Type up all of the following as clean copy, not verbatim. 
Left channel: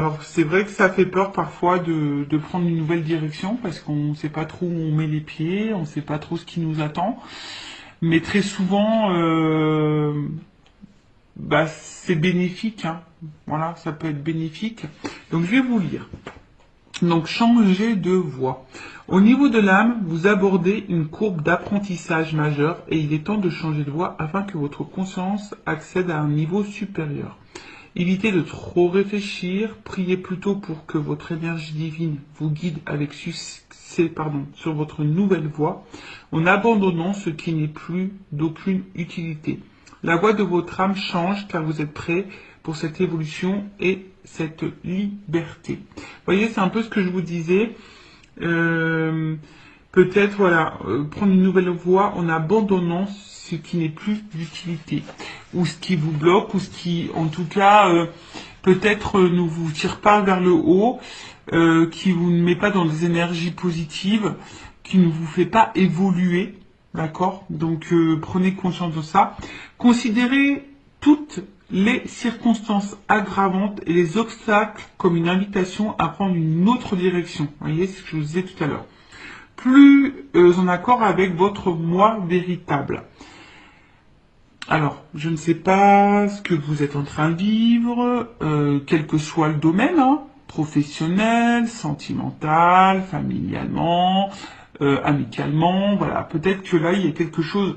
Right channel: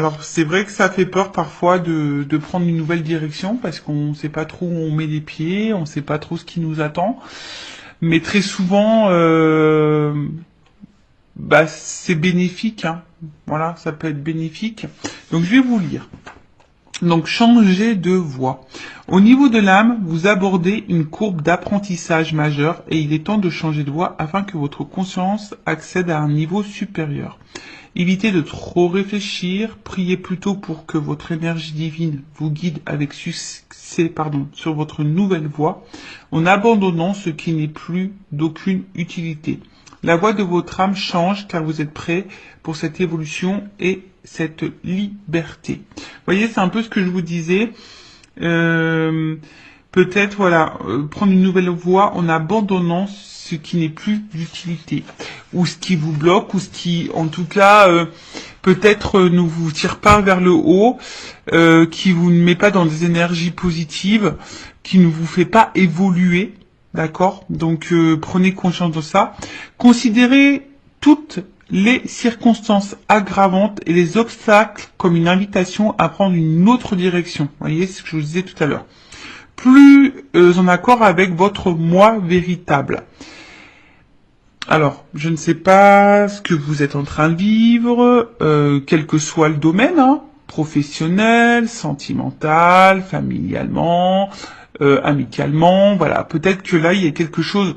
Alors, c'est vrai que ça fait peur parfois de prendre une nouvelle direction parce qu'on ne sait pas trop où on met les pieds, on ne sait pas trop ce qui nous attend. Mais très souvent, c'est bénéfique, hein. Voilà, ça peut être bénéfique. Donc, je vais vous lire. Donc, changer de voie. Au niveau de l'âme, vous abordez une courbe d'apprentissage majeure et il est temps de changer de voie afin que votre conscience accède à un niveau supérieur. Évitez de trop réfléchir, priez plutôt pour que votre énergie divine vous guide avec succès sur votre nouvelle voie, en abandonnant ce qui n'est plus d'aucune utilité. La voie de votre âme change car vous êtes prêt pour cette évolution et cette liberté. Vous voyez, c'est un peu ce que je vous disais. Peut-être, prendre une nouvelle voie en abandonnant ce qui n'est plus d'utilité, ou ce qui vous bloque, ou ce qui, en tout cas, peut-être ne vous tire pas vers le haut, qui vous ne met pas dans des énergies positives, qui ne vous fait pas évoluer, d'accord? Donc, prenez conscience de ça. Considérez toutes les circonstances aggravantes et les obstacles comme une invitation à prendre une autre direction. Vous voyez ce que je vous disais tout à l'heure. Plus en accord avec votre moi véritable. Alors, je ne sais pas ce que vous êtes en train de vivre, quel que soit le domaine, hein, professionnel, sentimental, familialement, amicalement, voilà. Peut-être que là, il y a quelque chose,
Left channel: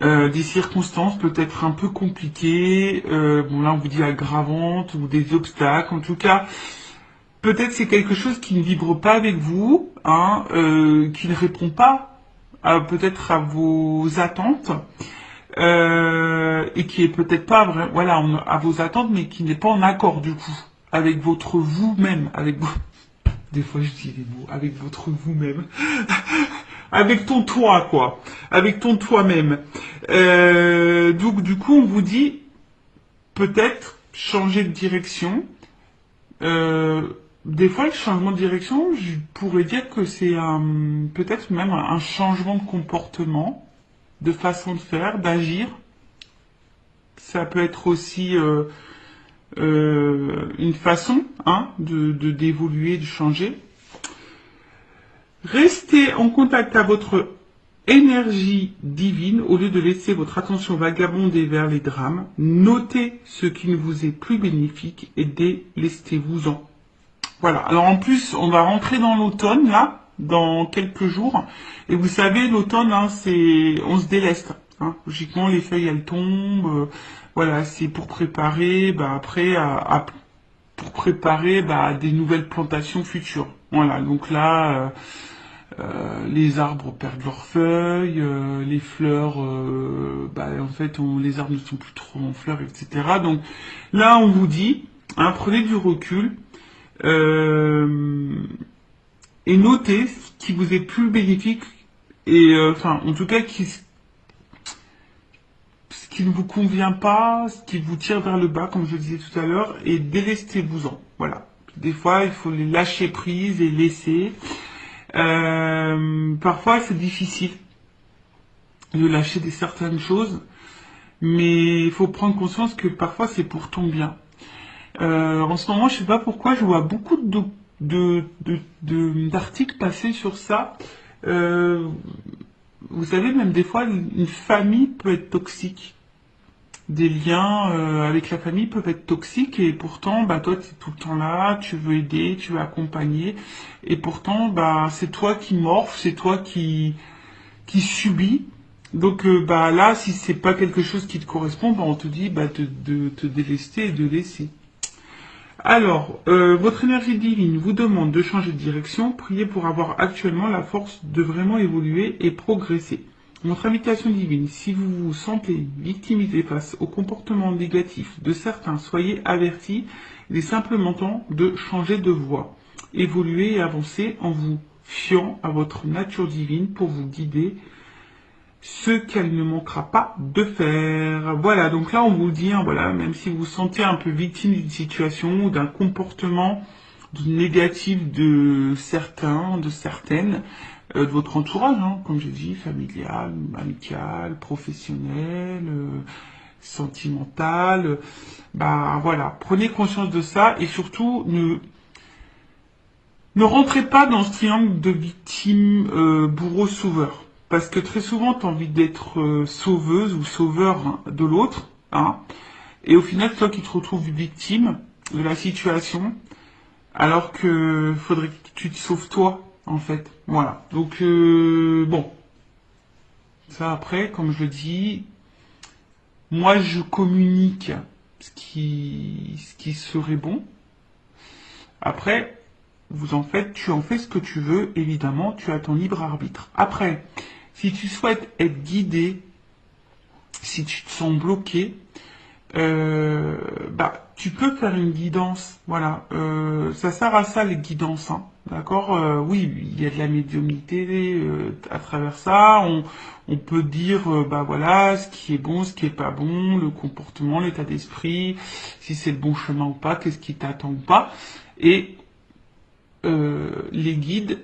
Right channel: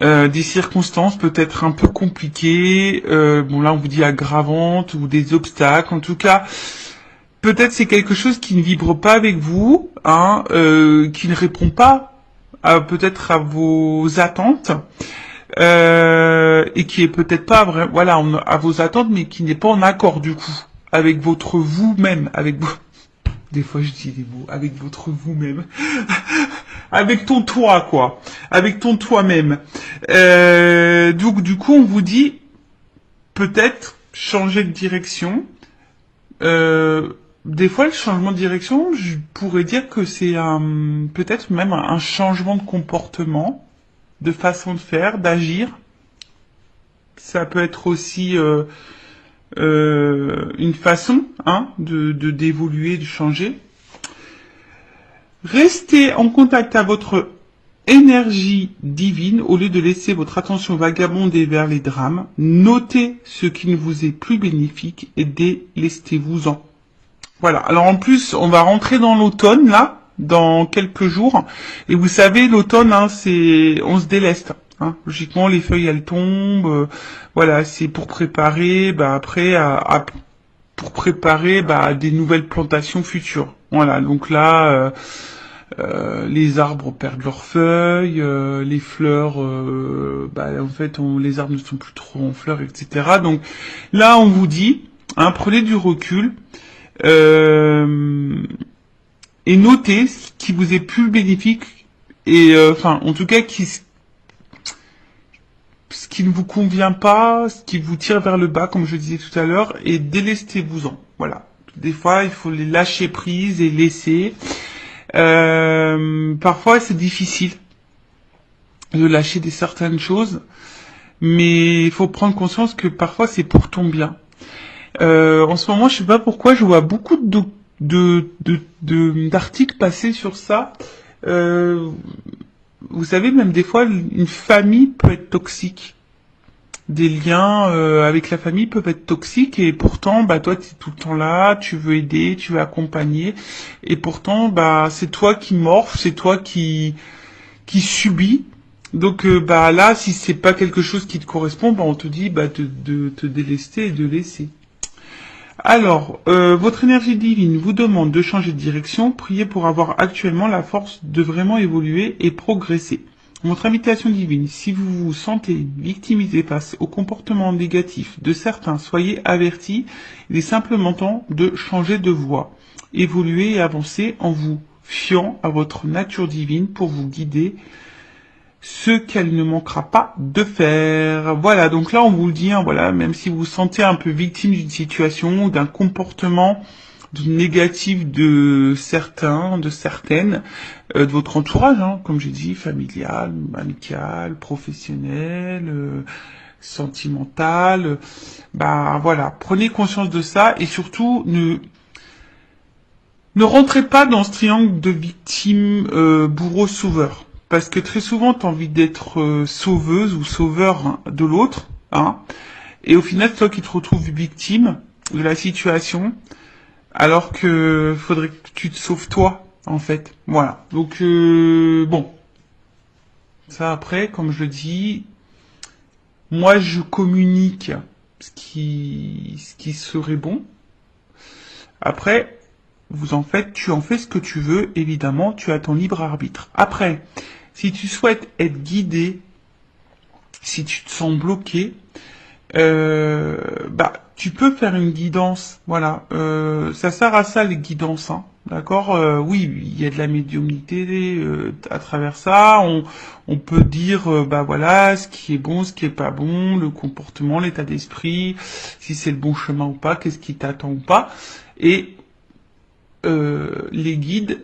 des circonstances peut-être un peu compliquées, bon là on vous dit aggravantes ou des obstacles, en tout cas, peut-être c'est quelque chose qui ne vibre pas avec vous, hein, qui ne répond pas peut-être à vos attentes, et qui est peut-être pas à vos attentes, mais qui n'est pas en accord du coup avec votre vous-même, avec vous. Des fois je dis des mots, avec votre vous-même, avec ton toi quoi, avec ton toi-même. Donc du coup on vous dit peut-être changer de direction. Des fois, le changement de direction, je pourrais dire que c'est peut-être même un changement de comportement, de façon de faire, d'agir. Ça peut être aussi une façon d'évoluer, de changer. Restez en contact avec votre énergie divine au lieu de laisser votre attention vagabonder vers les drames. Notez ce qui ne vous est plus bénéfique et délestez-vous-en. Voilà. Alors en plus, on va rentrer dans l'automne là, dans quelques jours. Et vous savez, l'automne, on se déleste. Hein. Logiquement, les feuilles elles tombent. Voilà, c'est pour préparer, pour préparer des nouvelles plantations futures. Voilà. Donc là, les arbres perdent leurs feuilles, les fleurs, en fait, les arbres ne sont plus trop en fleurs, etc. Donc là, on vous dit, prenez du recul. Et notez ce qui vous est plus bénéfique et en tout cas ce qui ne vous convient pas, ce qui vous tire vers le bas comme je disais tout à l'heure et délestez-vous-en. Voilà. Des fois il faut les lâcher prise et laisser. Parfois c'est difficile de lâcher certaines choses, mais il faut prendre conscience que parfois c'est pour ton bien. En ce moment, je sais pas pourquoi, je vois beaucoup d'articles passer sur ça. Vous savez, même des fois, une famille peut être toxique. Des liens avec la famille peuvent être toxiques et pourtant, toi, tu es tout le temps là, tu veux aider, tu veux accompagner. Et pourtant, c'est toi qui morphe, c'est toi qui subis. Donc là, si c'est pas quelque chose qui te correspond, on te dit de te délester et de laisser. Alors, votre énergie divine vous demande de changer de direction. Priez pour avoir actuellement la force de vraiment évoluer et progresser. Votre invitation divine, si vous vous sentez victimisé face au comportement négatif de certains, soyez avertis. Il est simplement temps de changer de voie. Évoluer et avancer en vous fiant à votre nature divine pour vous guider ce qu'elle ne manquera pas de faire. Voilà, donc là on vous le dit, même si vous vous sentez un peu victime d'une situation, d'un comportement négatif de certains, de certaines, de votre entourage, comme j'ai dit, familial, amical, professionnel, sentimentale. Bah voilà, prenez conscience de ça et surtout ne rentrez pas dans ce triangle de victime, bourreau, sauveur. Parce que très souvent, tu as envie d'être sauveuse ou sauveur hein, de l'autre. Hein, et au final, c'est toi qui te retrouves victime de la situation. Alors que faudrait que tu te sauves toi, en fait. Voilà. Donc, bon. Ça après, comme je le dis, moi je communique ce qui serait bon. Après, tu en fais ce que tu veux, évidemment, tu as ton libre arbitre. Après, si tu souhaites être guidé, si tu te sens bloqué, bah, tu peux faire une guidance, voilà. Ça sert à ça les guidances, hein, d'accord. Oui, il y a de la médiumnité à travers ça. On peut dire, bah voilà, ce qui est bon, ce qui est pas bon, le comportement, l'état d'esprit, si c'est le bon chemin ou pas, qu'est-ce qui t'attend ou pas. Et les guides,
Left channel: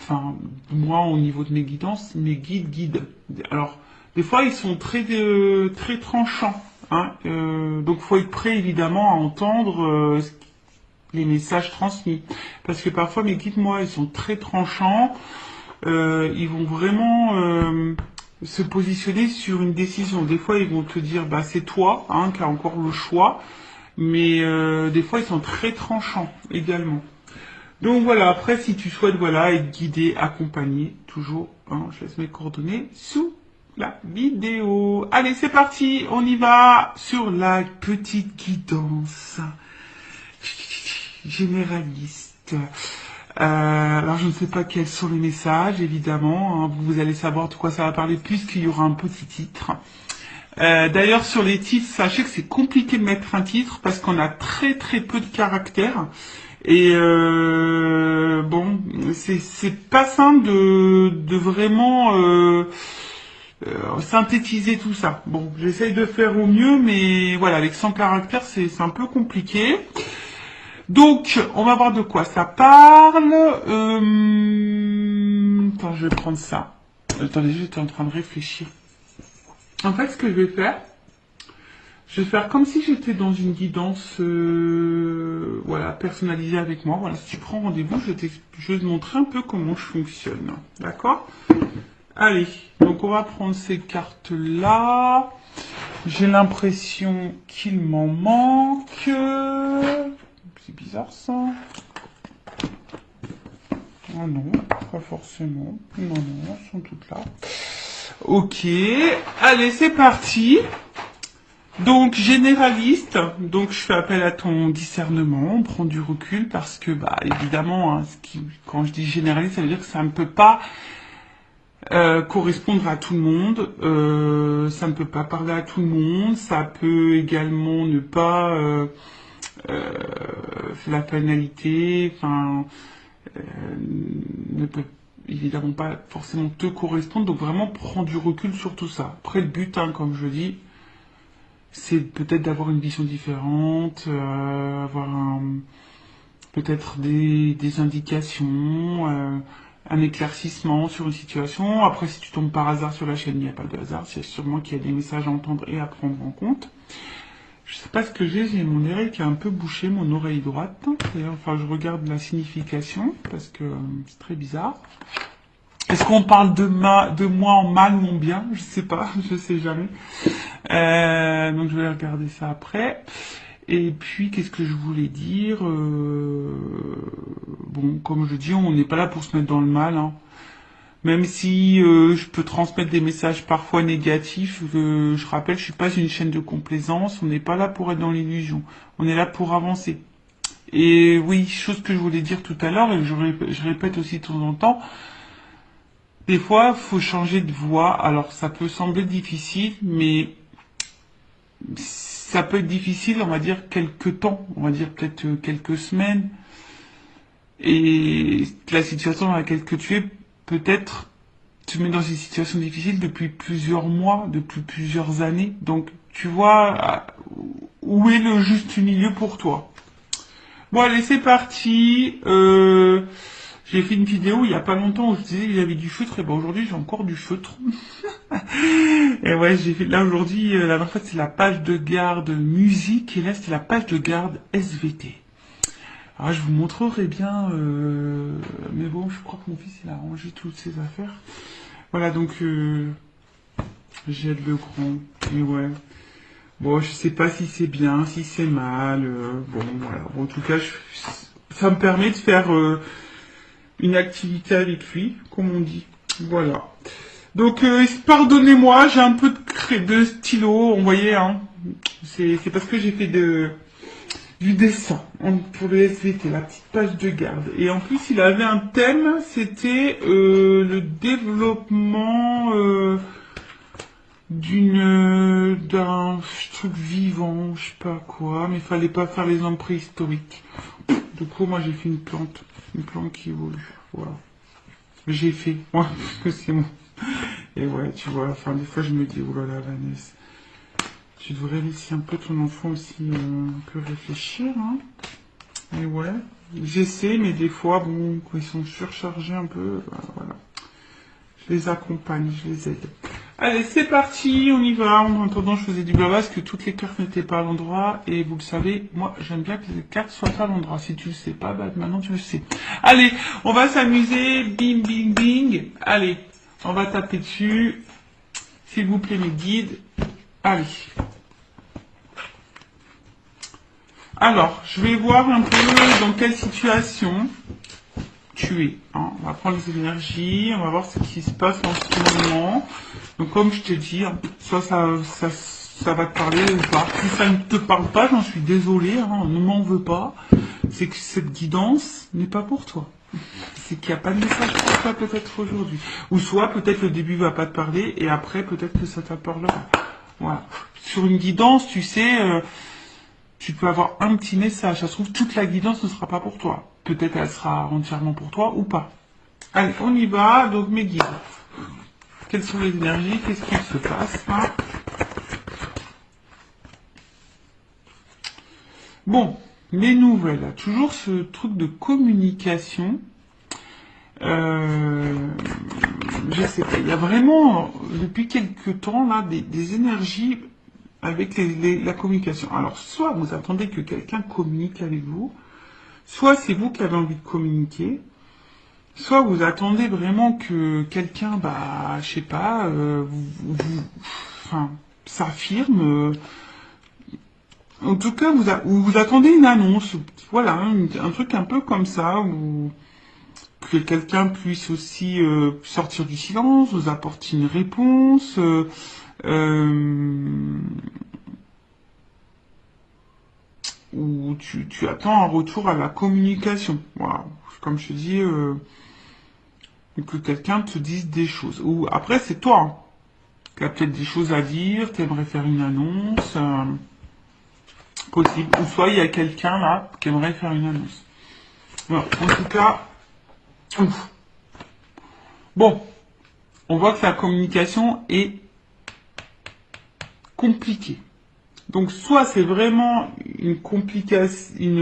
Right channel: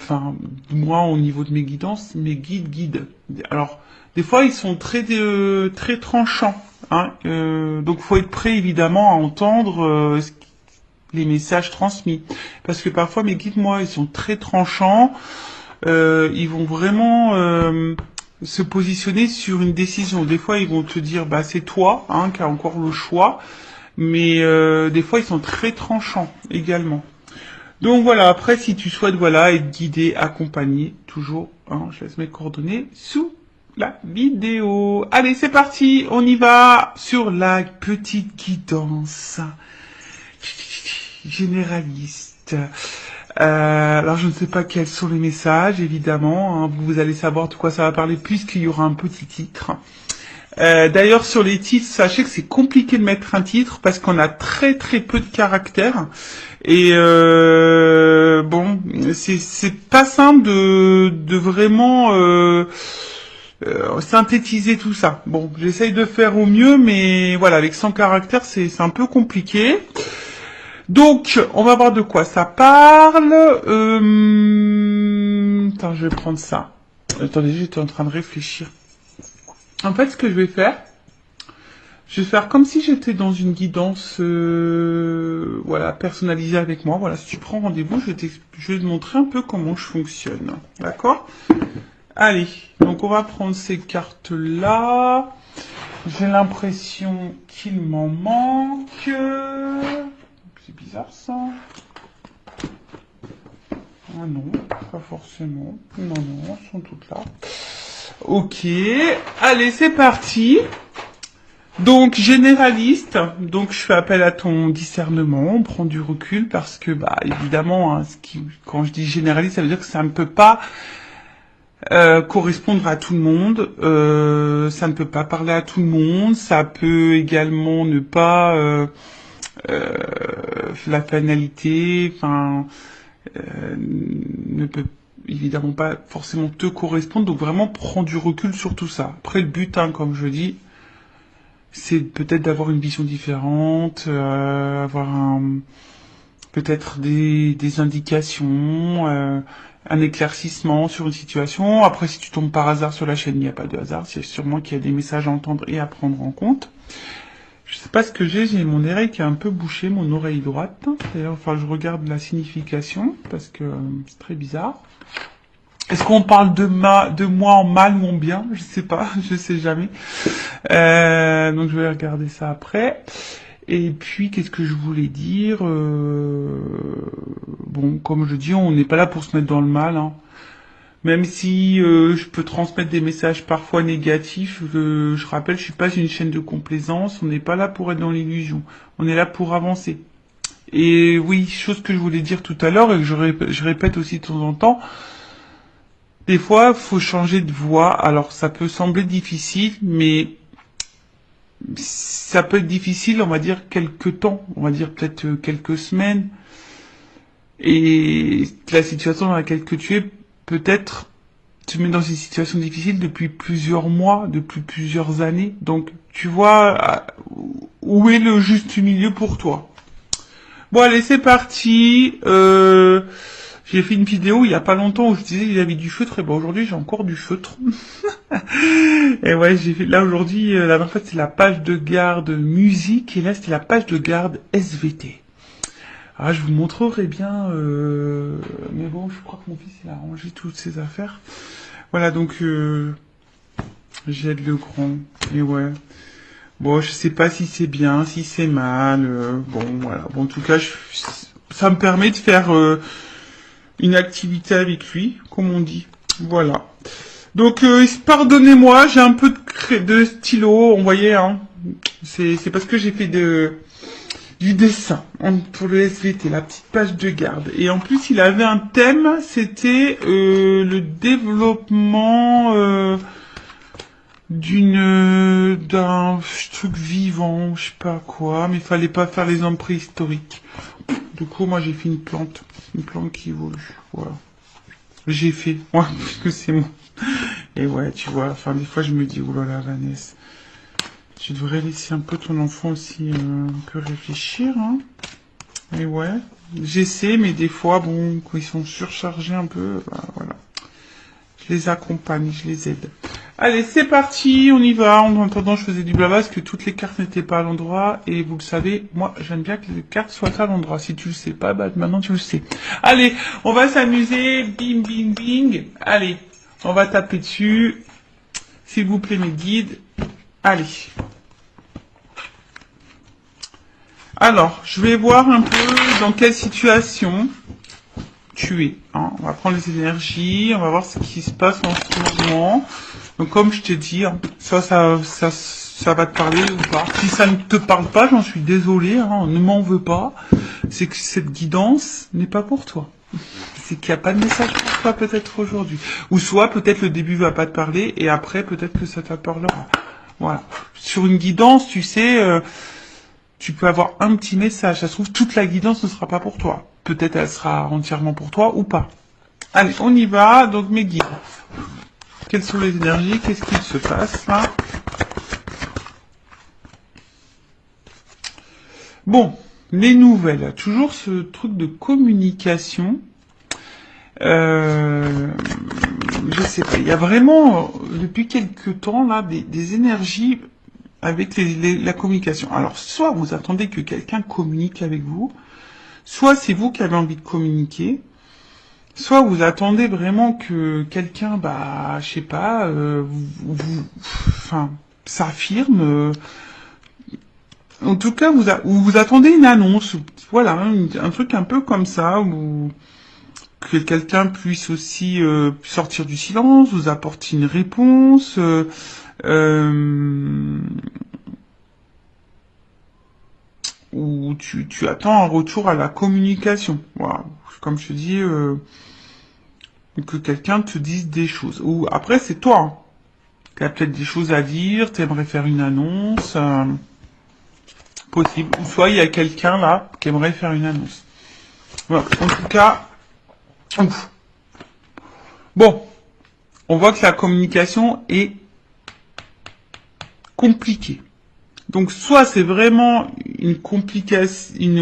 enfin, moi au niveau de mes guidances, mes guides. Alors, des fois, ils sont très tranchants. Hein, donc, faut être prêt évidemment à entendre les messages transmis. Parce que parfois, mes guides, moi, ils sont très tranchants. Ils vont vraiment se positionner sur une décision. Des fois, ils vont te dire, bah, c'est toi hein, qui as encore le choix. Mais des fois, ils sont très tranchants également. Donc voilà, après, si tu souhaites voilà, être guidé, accompagné, toujours, hein, je laisse mes coordonnées sous la vidéo. Allez, c'est parti, on y va sur la petite guidance généraliste. Alors, je ne sais pas quels sont les messages, évidemment. Hein, vous allez savoir de quoi ça va parler puisqu'il y aura un petit titre. D'ailleurs, sur les titres, sachez que c'est compliqué de mettre un titre parce qu'on a très peu de caractères. Et bon, c'est pas simple de vraiment synthétiser tout ça. Bon, j'essaye de faire au mieux, mais voilà, avec 100 caractères, c'est un peu compliqué. Donc, on va voir de quoi ça parle. Attends, je vais prendre ça. Attendez, j'étais en train de réfléchir. En fait, ce que je vais faire comme si j'étais dans une guidance voilà, personnalisée avec moi. Voilà, si tu prends rendez-vous, je vais te montrer un peu comment je fonctionne. D'accord? Allez, donc on va prendre ces cartes-là. J'ai l'impression qu'il m'en manque. C'est bizarre ça. Ah non, pas forcément. Non, elles sont toutes là. Ok, allez, c'est parti. Donc, généraliste, donc je fais appel à ton discernement, on prend du recul parce que, bah, évidemment, hein, quand je dis généraliste, ça veut dire que ça ne peut pas correspondre à tout le monde, ça ne peut pas parler à tout le monde, ça peut également ne pas la finalité, enfin, ne peut évidemment pas forcément te correspondre, donc vraiment prends du recul sur tout ça. Après, le but, hein, comme je dis, c'est peut-être d'avoir une vision différente, avoir peut-être des indications, un éclaircissement sur une situation. Après, si tu tombes par hasard sur la chaîne, il n'y a pas de hasard, c'est sûrement qu'il y a des messages à entendre et à prendre en compte. Je sais pas ce que j'ai mon oreille qui est un peu bouchée, mon oreille droite. D'ailleurs, enfin, je regarde la signification, parce que c'est très bizarre. Est-ce qu'on parle de moi en mal ou en bien? Je sais pas, je sais jamais. Donc je vais regarder ça après. Et puis qu'est-ce que je voulais dire bon, comme je dis, on n'est pas là pour se mettre dans le mal. Hein. Même si je peux transmettre des messages parfois négatifs, je rappelle, je suis pas une chaîne de complaisance. On n'est pas là pour être dans l'illusion. On est là pour avancer. Et oui, chose que je voulais dire tout à l'heure et que je répète aussi de temps en temps. Des fois, faut changer de voix. Alors, ça peut sembler difficile, mais ça peut être difficile, on va dire, quelques temps. On va dire peut-être quelques semaines. Et la situation dans laquelle tu es, peut-être, tu te mets dans une situation difficile depuis plusieurs mois, depuis plusieurs années. Donc, tu vois, où est le juste milieu pour toi? Bon, allez, c'est parti. J'ai fait une vidéo il y a pas longtemps où je disais qu'il y avait du feutre, et ben aujourd'hui j'ai encore du feutre. Et ouais, j'ai fait, là aujourd'hui, là en fait c'est la page de garde musique, et là c'était la page de garde SVT. Ah, je vous montrerai bien, mais bon, je crois que mon fils il a rangé toutes ses affaires. Voilà, donc j'aide le grand. Et ouais. Bon, je sais pas si c'est bien, si c'est mal. Bon, voilà. Bon, en tout cas, ça me permet de faire une activité avec lui, comme on dit. Voilà. Donc, pardonnez-moi, j'ai un peu de stylo, on voyait, hein. C'est parce que j'ai fait du dessin pour le SVT, la petite page de garde. Et en plus, il avait un thème, c'était le développement d'un truc vivant, je sais pas quoi, mais il fallait pas faire les hommes préhistoriques. Du coup, moi, j'ai fait une plante qui évolue. Voilà. J'ai fait, ouais, parce que c'est moi. Et ouais, tu vois, enfin, des fois, je me dis, oh là là, Vanessa, tu devrais laisser un peu ton enfant aussi un peu réfléchir, hein. Et ouais, j'essaie, mais des fois, bon, quand ils sont surchargés un peu, bah, voilà. Je les accompagne, je les aide. Allez, c'est parti, on y va. En attendant, je faisais du blabla parce que toutes les cartes n'étaient pas à l'endroit. Et vous le savez, moi, j'aime bien que les cartes soient à l'endroit. Si tu le sais pas, bah maintenant tu le sais. Allez, on va s'amuser. Bing, bing, bing. Allez, on va taper dessus. S'il vous plaît, mes guides. Allez. Alors, je vais voir un peu dans quelle situation tu es. Hein. On va prendre les énergies, on va voir ce qui se passe en ce moment. Donc, comme je t'ai dit, hein, ça va te parler ou pas. Si ça ne te parle pas, j'en suis désolé, hein, ne m'en veux pas. C'est que cette guidance n'est pas pour toi. C'est qu'il n'y a pas de message pour toi peut-être aujourd'hui. Ou soit peut-être le début va pas te parler et après peut-être que ça te parlera. Voilà. Sur une guidance, tu sais, tu peux avoir un petit message. Ça se trouve, toute la guidance ne sera pas pour toi. Peut-être elle sera entièrement pour toi ou pas. Allez, on y va. Donc mes guides. Quelles sont les énergies? Qu'est-ce qu'il se passe, hein? Bon, les nouvelles. Toujours ce truc de communication. Je sais pas. Il y a vraiment, depuis quelques temps, là, des énergies avec la communication. Alors, soit vous attendez que quelqu'un communique avec vous, soit c'est vous qui avez envie de communiquer, soit vous attendez vraiment que quelqu'un, bah, je sais pas, enfin, s'affirme. En tout cas, vous attendez une annonce, voilà, un truc un peu comme ça, où que quelqu'un puisse aussi sortir du silence, vous apporter une réponse, ou tu attends un retour à la communication. Voilà. Comme je te dis, que quelqu'un te dise des choses. Ou après, c'est toi, hein. Tu as peut-être des choses à dire, tu aimerais faire une annonce, possible. Ou soit il y a quelqu'un là qui aimerait faire une annonce. Voilà. En tout cas, ouf. Bon, on voit que la communication est compliquée. Donc soit c'est vraiment une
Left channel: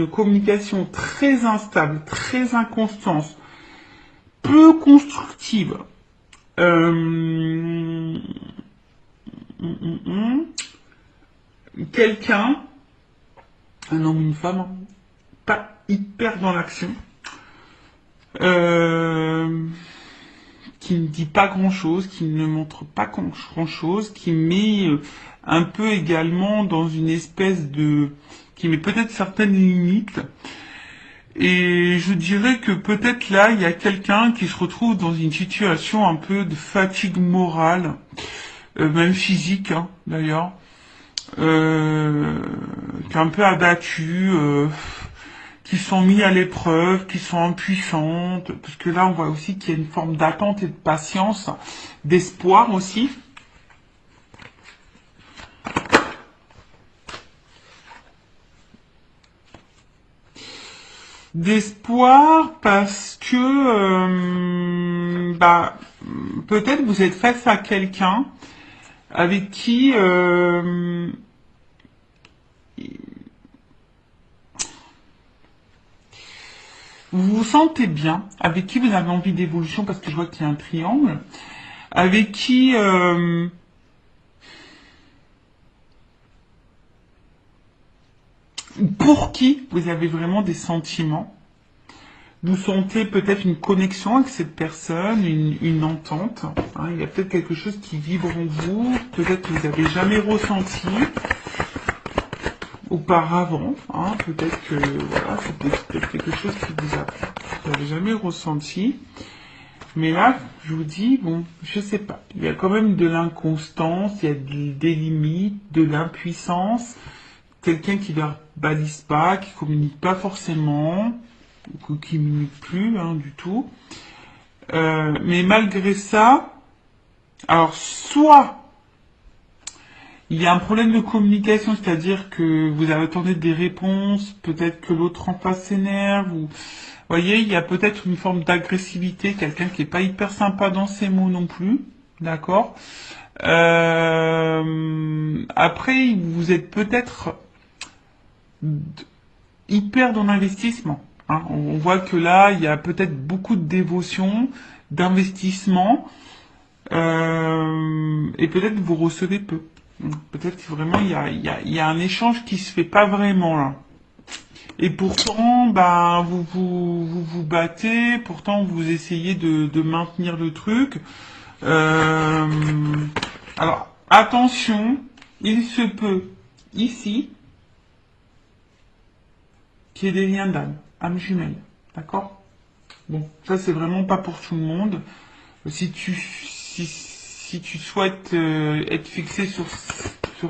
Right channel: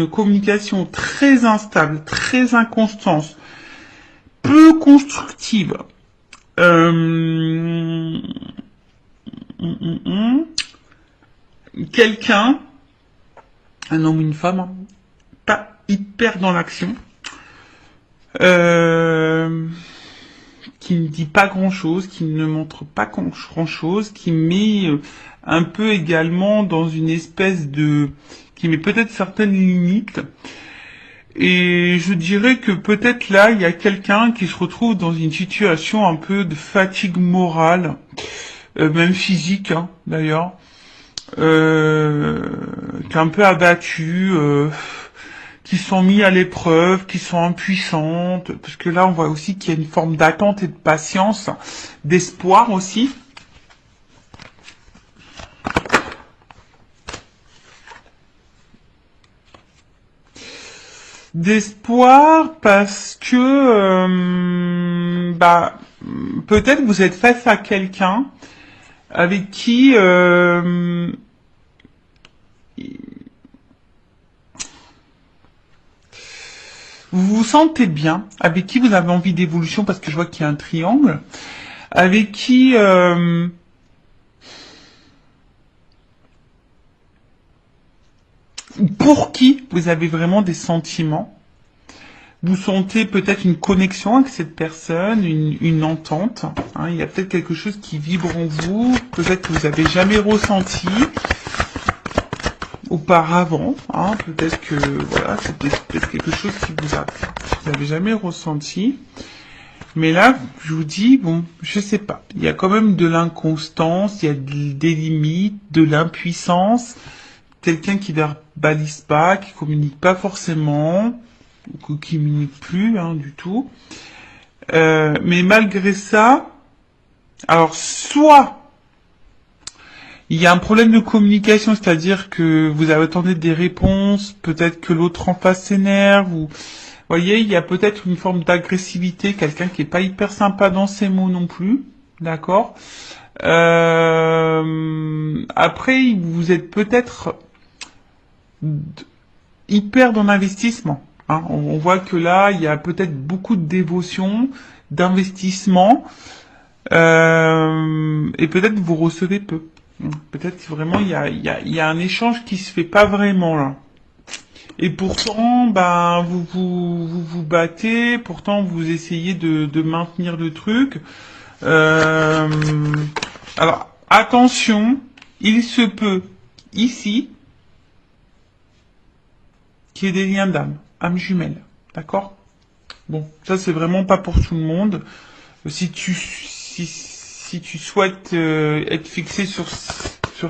communication très instable, très inconstante, peu constructive. Quelqu'un, un homme ou une femme, pas hyper dans l'action, qui ne dit pas grand-chose, qui ne montre pas grand-chose, qui met un peu également dans une espèce qui met peut-être certaines limites. Et je dirais que peut-être là, il y a quelqu'un qui se retrouve dans une situation un peu de fatigue morale, même physique, hein, d'ailleurs, qui est un peu abattu, qui sont mis à l'épreuve, qui sont impuissantes, parce que là, on voit aussi qu'il y a une forme d'attente et de patience, d'espoir aussi. D'espoir parce que bah peut-être vous êtes face à quelqu'un avec qui Vous vous sentez bien, avec qui vous avez envie d'évolution, parce que je vois qu'il y a un triangle, avec qui, pour qui vous avez vraiment des sentiments. Vous sentez peut-être une connexion avec cette personne, une entente. Hein, il y a peut-être quelque chose qui vibre en vous, peut-être que vous n'avez jamais ressenti auparavant. Hein, peut-être que voilà, c'est peut-être quelque chose que vous n'avez jamais ressenti. Mais là, je vous dis, bon, je sais pas. Il y a quand même de l'inconstance, il y a des limites, de l'impuissance. Quelqu'un qui verbalise pas, qui communique pas forcément, ou qui communique plus, hein, du tout. Mais malgré ça, alors soit il y a un problème de communication, c'est-à-dire que vous attendez des réponses, peut-être que l'autre en face s'énerve, ou vous voyez, il y a peut-être une forme d'agressivité, quelqu'un qui est pas hyper sympa dans ses mots non plus, d'accord. Après, vous êtes peut-être hyper dans l'investissement. Hein. On voit que là, il y a peut-être beaucoup de dévotion, d'investissement, et peut-être que vous recevez peu. Peut-être que vraiment il y a un échange qui se fait pas vraiment là. Et pourtant, bah, vous battez, pourtant vous essayez de maintenir le truc. Euh, alors, attention, il se peut, ici, qu'il y ait des liens d'âme, âme jumelle. D'accord? Bon, ça c'est vraiment pas pour tout le monde. Si tu souhaites être fixé sur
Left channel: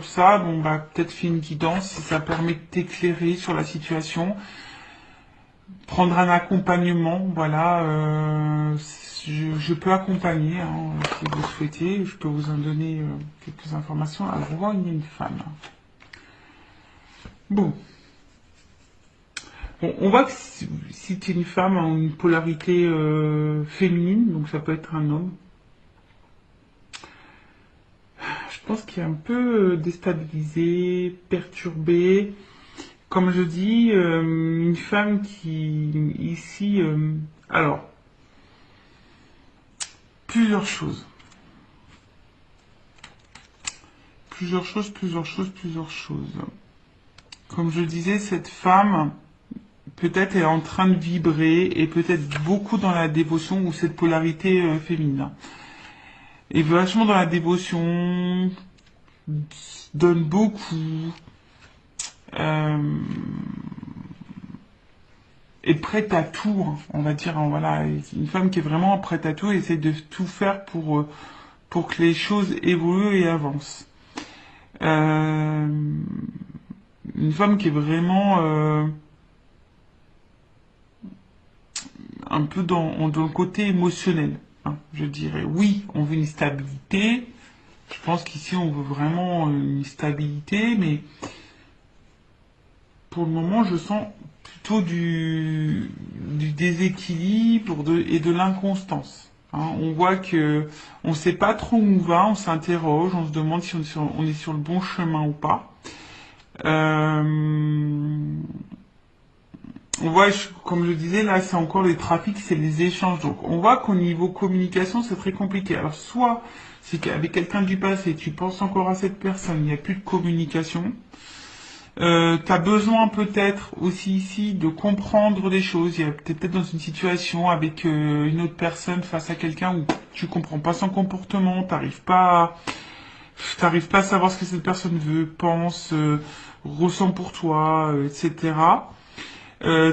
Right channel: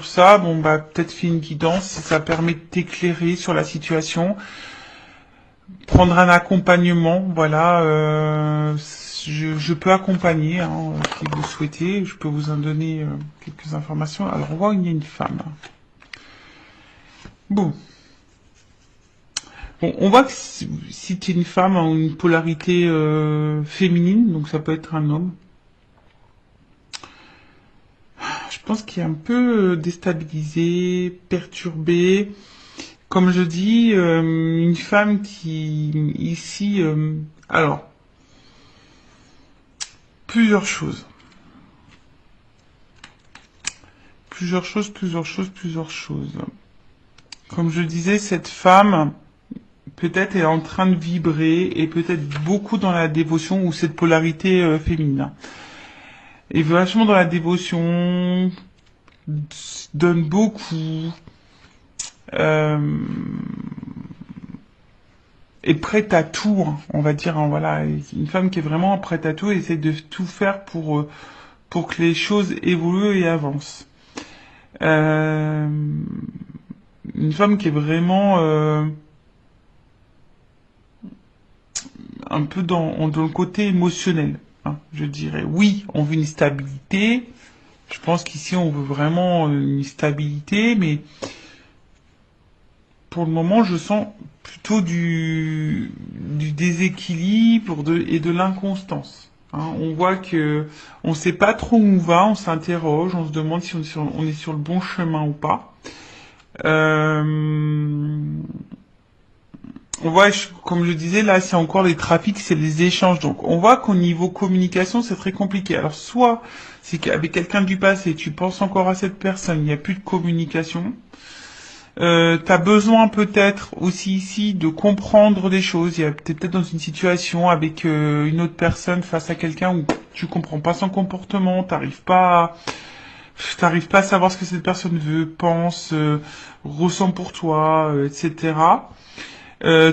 ça, bon bah peut-être fais une guidance, si ça permet de t'éclairer sur la situation, prendre un accompagnement, voilà, je peux accompagner, hein, si vous souhaitez, je peux vous en donner quelques informations. Alors on voit qu'il y a une femme. Bon. Bon, on voit que si tu es une femme en une polarité féminine, donc ça peut être un homme, je pense qu'il est un peu déstabilisé, perturbé. Comme je dis, une femme qui, ici, alors, plusieurs choses. Plusieurs choses. Comme je disais, cette femme, peut-être est en train de vibrer et peut-être beaucoup dans la dévotion ou cette polarité féminine. Et vachement dans la dévotion, donne beaucoup, est prête à tout, hein, on va dire, hein, voilà, une femme qui est vraiment prête à tout et essaie de tout faire pour que les choses évoluent et avancent. Une femme qui est vraiment un peu dans le côté émotionnel, hein, je dirais. Oui, on veut une stabilité. Je pense qu'ici, on veut vraiment une stabilité, mais pour le moment, je sens plutôt du déséquilibre et de l'inconstance. Hein. On voit que on sait pas trop où on va, on s'interroge, on se demande si on est sur le bon chemin ou pas. On voit, comme je disais, là, c'est encore les trafics, c'est les échanges. Donc, on voit qu'au niveau communication, c'est très compliqué. Alors, soit c'est qu'avec quelqu'un du passé, tu penses encore à cette personne, il n'y a plus de communication. T'as besoin peut-être aussi ici de comprendre des choses. T'es peut-être dans une situation avec une autre personne face à quelqu'un où tu comprends pas son comportement, t'arrives pas à savoir ce que cette personne veut, pense, ressent pour toi, etc.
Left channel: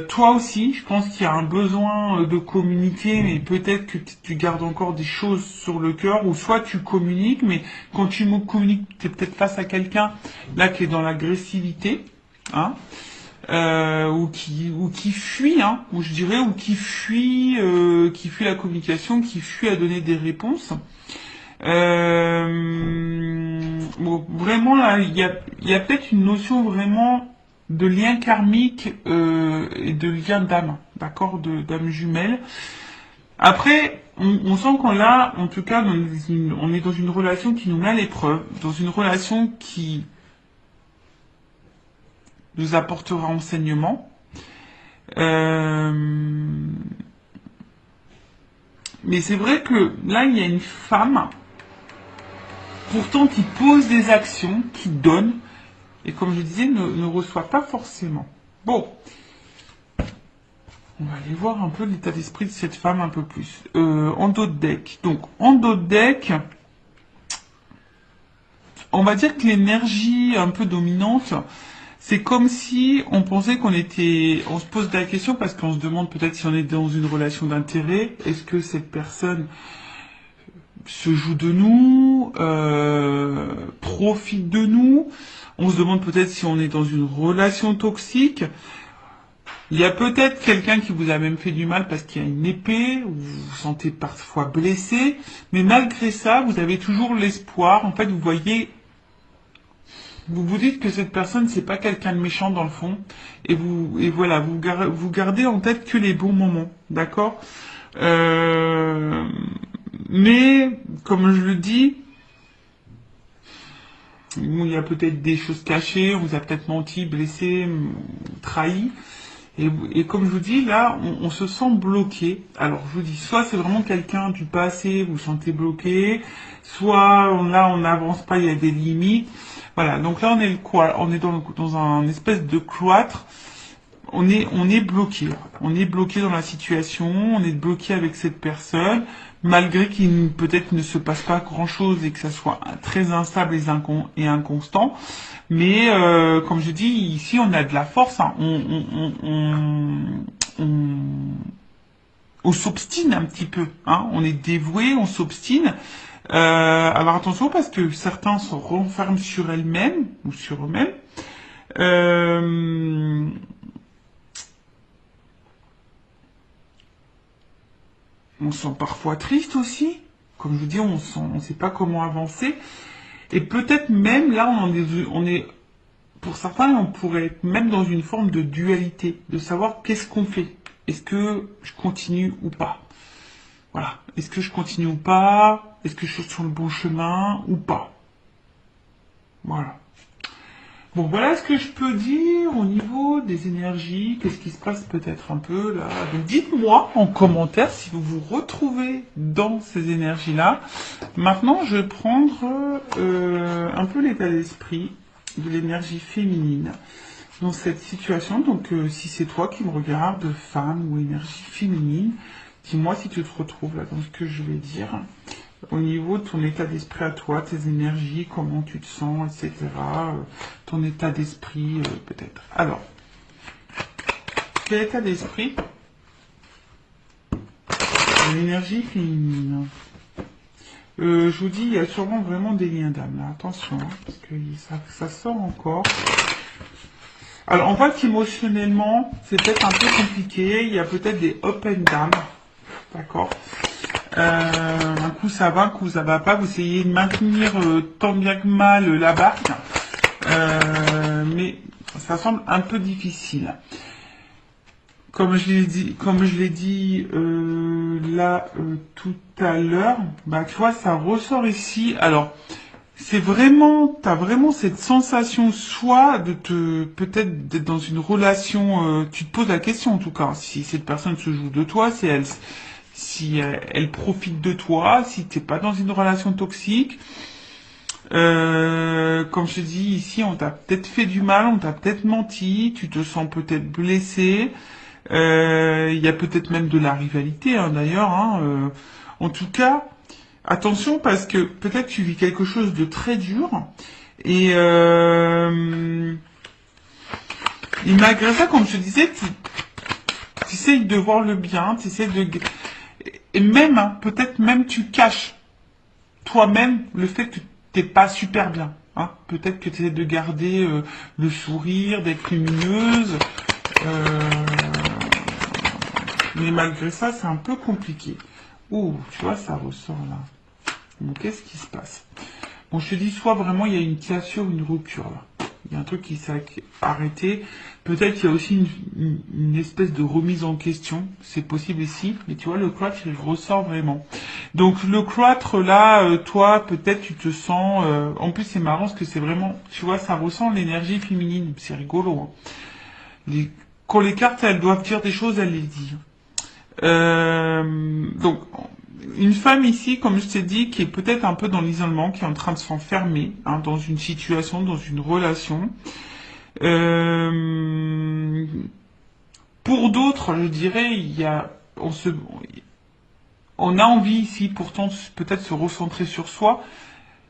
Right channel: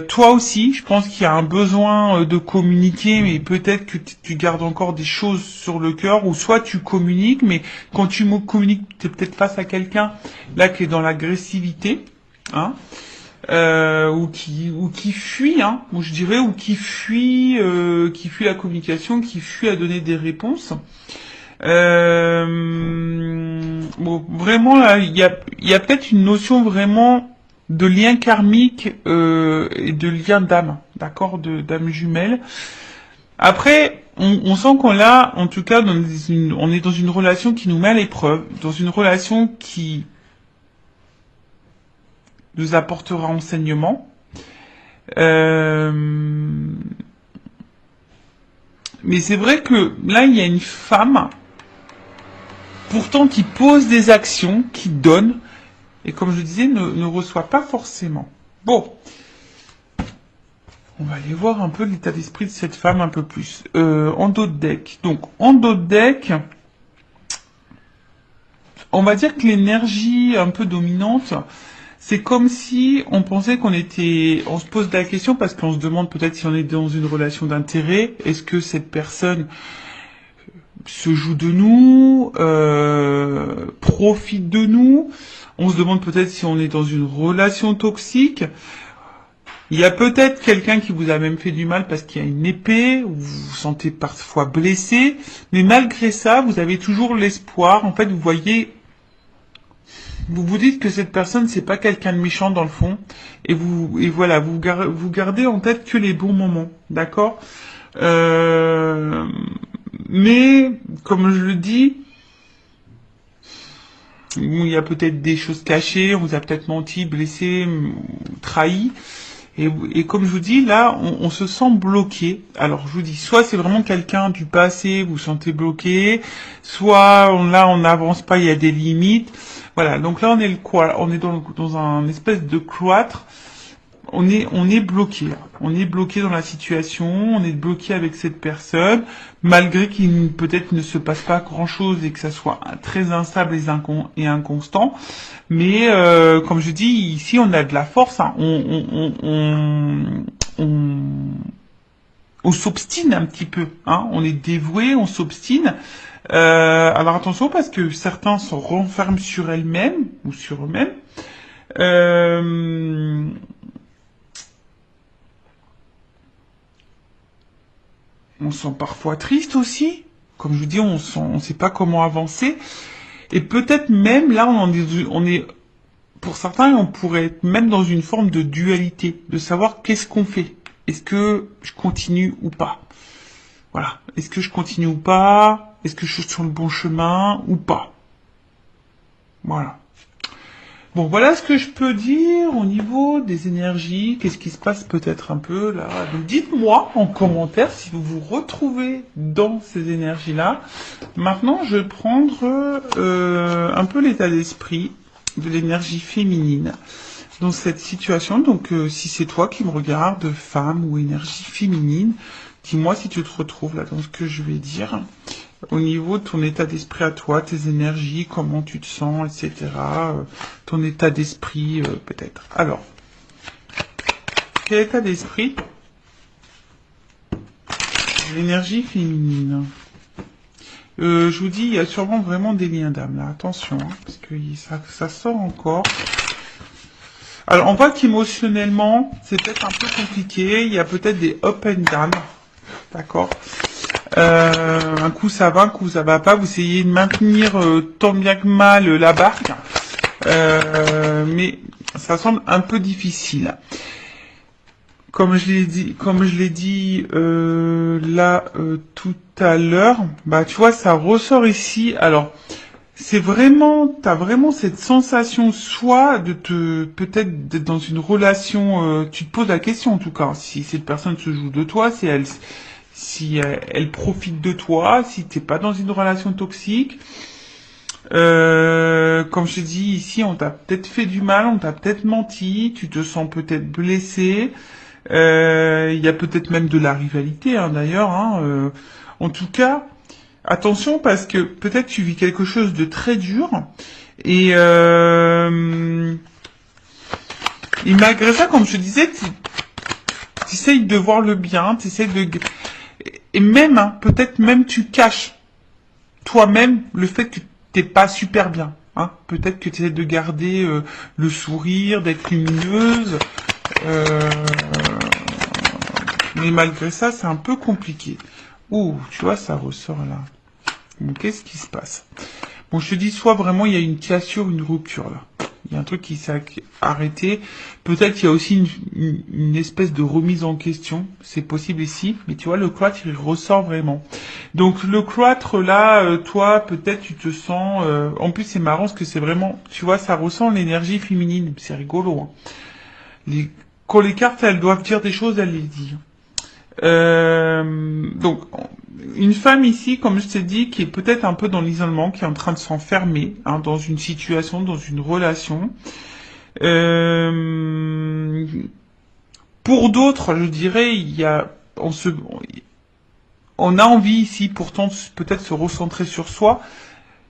Toi aussi, je pense qu'il y a un besoin de communiquer, mais peut-être que tu gardes encore des choses sur le cœur, ou soit tu communiques, mais quand tu communiques, tu es peut-être face à quelqu'un là qui est dans l'agressivité, hein, ou qui fuit, hein, ou je dirais, ou qui fuit la communication, qui fuit à donner des réponses. Bon, vraiment là, il y a peut-être une notion vraiment de lien karmique et de lien d'âme, d'accord, d'âme jumelle. Après, on sent qu'on l'a, en tout cas, on est dans une relation qui nous met à l'épreuve, dans une relation qui nous apportera enseignement, Euh, mais c'est vrai que là, il y a une femme, pourtant qui pose des actions, qui donne, et comme je disais, ne reçoit pas forcément. Bon, on va aller voir un peu l'état d'esprit de cette femme un peu plus. En dos de deck. Donc, en dos de deck, on va dire que l'énergie un peu dominante, c'est comme si on pensait on se pose la question parce qu'on se demande peut-être si on est dans une relation d'intérêt, est-ce que cette personne se joue de nous, profite de nous, on se demande peut-être si on est dans une relation toxique. Il y a peut-être quelqu'un qui vous a même fait du mal parce qu'il y a une épée, vous vous sentez parfois blessé, mais malgré ça, vous avez toujours l'espoir. En fait, vous voyez, vous vous dites que cette personne, c'est pas quelqu'un de méchant dans le fond, et voilà, vous gardez en tête que les bons moments, d'accord. Mais, comme je le dis, il y a peut-être des choses cachées, on vous a peut-être menti, blessé, trahi. Et comme je vous dis, là, on se sent bloqué. Alors, je vous dis, soit c'est vraiment quelqu'un du passé, vous vous sentez bloqué, soit là, on n'avance pas, il y a des limites. Voilà, donc là, on est dans un espèce de cloître. On est bloqué là. On est bloqué dans la situation, on est bloqué avec cette personne, malgré qu'il peut-être ne se passe pas grand-chose et que ça soit très instable et inconstant. Mais comme je dis, ici on a de la force, hein. On s'obstine un petit peu, hein. On est dévoué, on s'obstine. Alors attention parce que certains se renferment sur elles-mêmes ou sur eux-mêmes. On se sent parfois triste aussi. Comme je vous dis, on sait pas comment avancer. Et peut-être même là, on est, pour certains, on pourrait être même dans une forme de dualité, de savoir qu'est-ce qu'on fait. Est-ce que je continue ou pas? Voilà. Est-ce que je continue ou pas? Est-ce que je suis sur le bon chemin ou pas? Voilà. Bon, voilà ce que je peux dire au niveau des énergies. Qu'est-ce qui se passe peut-être un peu là? Donc dites-moi en commentaire si vous vous retrouvez dans ces énergies-là. Maintenant, je vais prendre un peu l'état d'esprit de l'énergie féminine dans cette situation. Donc si c'est toi qui me regardes, femme ou énergie féminine, dis-moi si tu te retrouves là dans ce que je vais dire. Au niveau de ton état d'esprit à toi, tes énergies, comment tu te sens, etc. Ton état d'esprit, peut-être. Alors, quel état d'esprit? L'énergie féminine. Je vous dis, il y a sûrement vraiment des liens d'âme, là. Attention, hein, parce que ça sort encore. Alors, on voit qu'émotionnellement, c'est peut-être un peu compliqué. Il y a peut-être des up and down. D'accord. Un coup ça va, un coup ça va pas. Vous essayez de maintenir tant bien que mal la barque, mais ça semble un peu difficile. Comme je l'ai dit là tout à l'heure, bah tu vois, ça ressort ici. Alors t'as vraiment cette sensation soit peut-être d'être dans une relation. Tu te poses la question en tout cas, si cette personne se joue de toi, si elle profite de toi, si t'es pas dans une relation toxique. Comme je te dis ici, on t'a peut-être fait du mal, on t'a peut-être menti, tu te sens peut-être blessé. Il y a peut-être même de la rivalité, hein, d'ailleurs. Hein. En tout cas, attention parce que peut-être tu vis quelque chose de très dur et malgré ça, comme je te disais, tu essayes de voir le bien, tu essayes de... Et même, hein, peut-être même tu caches toi-même le fait que t'es pas super bien. Hein. Peut-être que tu essaies de garder le sourire, d'être lumineuse. Mais malgré ça, c'est un peu compliqué. Ouh, tu vois, ça ressort là. Donc, qu'est-ce qui se passe? Bon, je te dis, soit vraiment il y a une cassure, une rupture là. Il y a un truc qui s'est arrêté. Peut-être il y a aussi une espèce de remise en question. C'est possible ici. Mais tu vois, le cloître, il ressort vraiment. Donc le cloître, là, toi, peut-être tu te sens... en plus, c'est marrant parce que c'est vraiment... Tu vois, ça ressent l'énergie féminine. C'est rigolo. Hein. quand les cartes, elles doivent dire des choses, elles les disent. Donc, une femme ici, comme je t'ai dit, qui est peut-être un peu dans l'isolement, qui est en train de s'enfermer hein, dans une situation, dans une relation. Euh, pour d'autres, je dirais, on a envie ici, pourtant, peut-être se recentrer sur soi.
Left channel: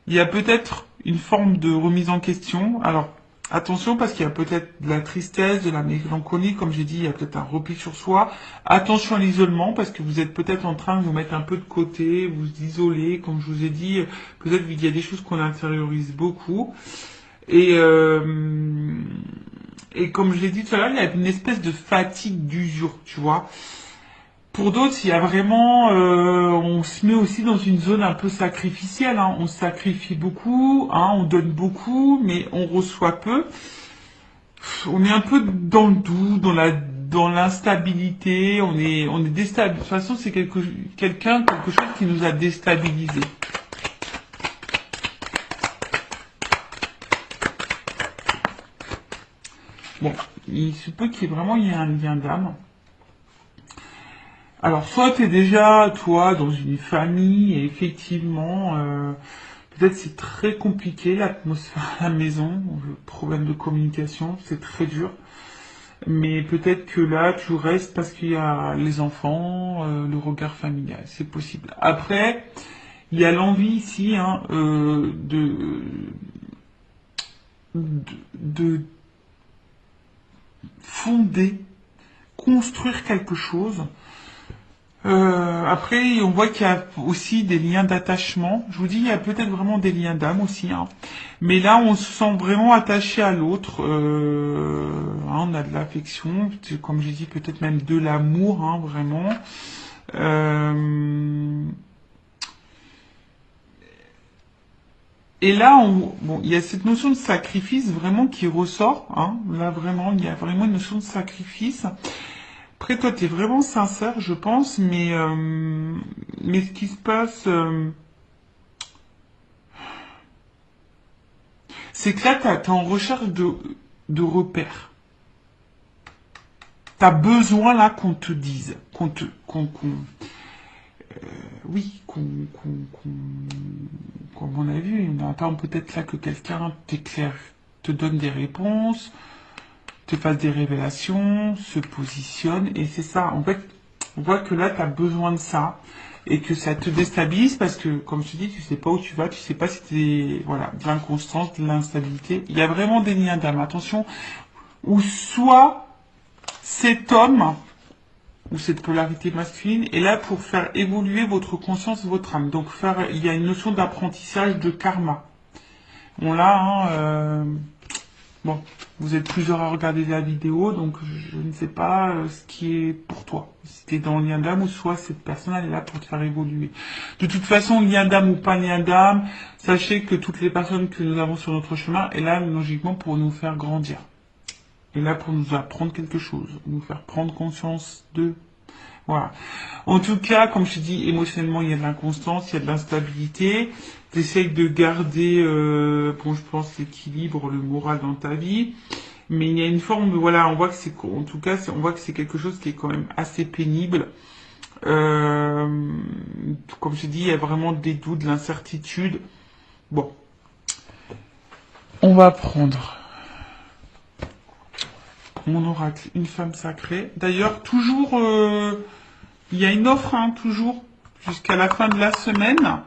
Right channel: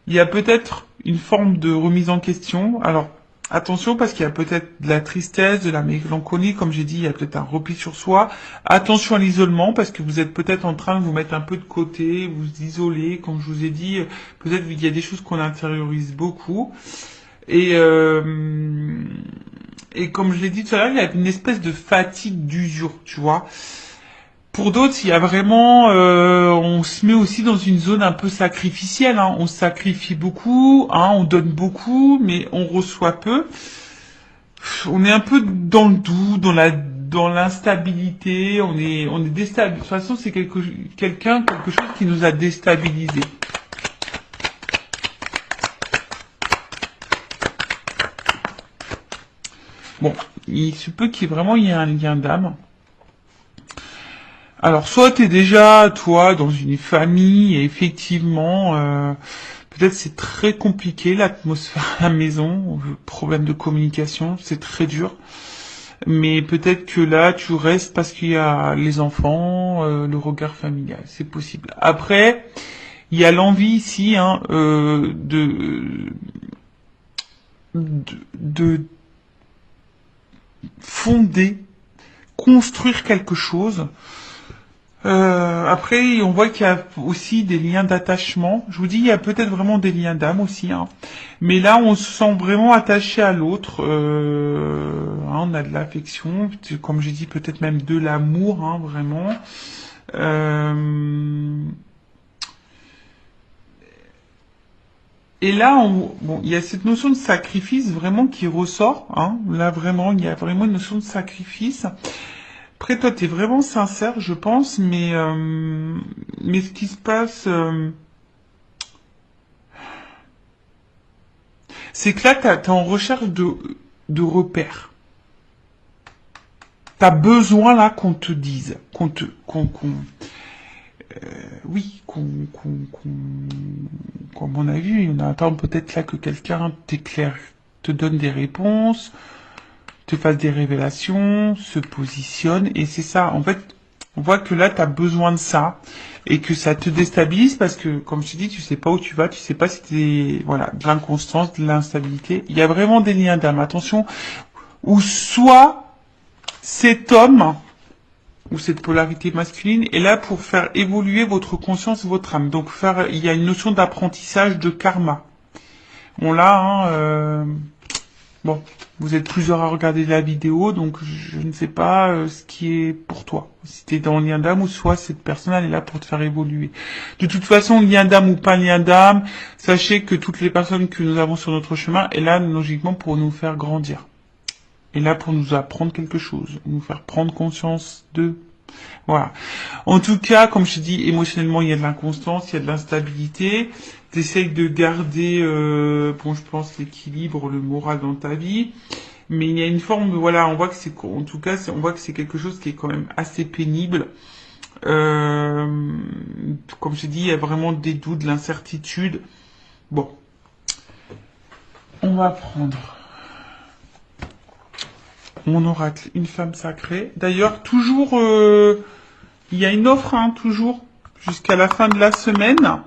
Il y a peut-être une forme de remise en question. Alors, attention parce qu'il y a peut-être de la tristesse, de la mélancolie, comme j'ai dit, il y a peut-être un repli sur soi. Attention à l'isolement parce que vous êtes peut-être en train de vous mettre un peu de côté, vous isoler, comme je vous ai dit. Peut-être qu'il y a des choses qu'on intériorise beaucoup. Et comme je l'ai dit tout à l'heure, il y a une espèce de fatigue d'usure, tu vois. Pour d'autres, il y a vraiment, on se met aussi dans une zone un peu sacrificielle. Hein. On sacrifie beaucoup, hein, on donne beaucoup, mais on reçoit peu. On est un peu dans le doute, dans l'instabilité. On est déstabilisé. De toute façon, c'est quelque chose qui nous a déstabilisés. Bon, il se peut qu'il y ait vraiment il y ait un lien d'âme. Alors, soit tu es déjà, toi, dans une famille, et effectivement, peut-être c'est très compliqué, l'atmosphère à la maison, problème de communication, c'est très dur. Mais peut-être que là, tu restes parce qu'il y a les enfants, le regard familial, c'est possible. Après, il y a l'envie ici hein, de fonder, construire quelque chose. Après, on voit qu'il y a aussi des liens d'attachement. Je vous dis, il y a peut-être vraiment des liens d'âme aussi. Hein. Mais là, on se sent vraiment attaché à l'autre. On a de l'affection, comme j'ai dit, peut-être même de l'amour, hein, vraiment. Et là, bon, il y a cette notion de sacrifice vraiment qui ressort. Hein. Là, vraiment, il y a vraiment une notion de sacrifice. Après, toi, t'es vraiment sincère, je pense, mais ce qui se passe, c'est que là, t'es en recherche de repères. T'as besoin, là, qu'on te dise, oui, comme on a vu, on attend peut-être là que quelqu'un t'éclaire, te donne des réponses, te fasse des révélations, se positionne, et c'est ça, en fait, on voit que là, tu as besoin de ça, et que ça te déstabilise, parce que, comme je te dis, tu sais pas où tu vas, tu sais pas si t'es, voilà, de l'inconstance, de l'instabilité, il y a vraiment des liens d'âme, attention, ou soit, cet homme, ou cette polarité masculine, est là pour faire évoluer votre conscience, votre âme, donc il y a une notion d'apprentissage de karma. Bon là, hein, bon, vous êtes plusieurs à regarder la vidéo, donc je ne sais pas ce qui est pour toi. Si tu es dans le lien d'âme ou soit cette personne elle est là pour te faire évoluer. De toute façon, lien d'âme ou pas lien d'âme, sachez que toutes les personnes que nous avons sur notre chemin est là logiquement pour nous faire grandir. Est là pour nous apprendre quelque chose, nous faire prendre conscience de... Voilà. En tout cas, comme je te dis, émotionnellement, il y a de l'inconstance, il y a de l'instabilité. Tu essayes de garder, bon, je pense, l'équilibre, le moral dans ta vie. Mais il y a une forme de, voilà, on voit que c'est, en tout cas, on voit que c'est quelque chose qui est quand même assez pénible. Comme je dis, il y a vraiment des doutes, de l'incertitude. Bon. On va prendre mon oracle, une femme sacrée. D'ailleurs, toujours, il y a une offre, hein, toujours, jusqu'à la fin de la semaine.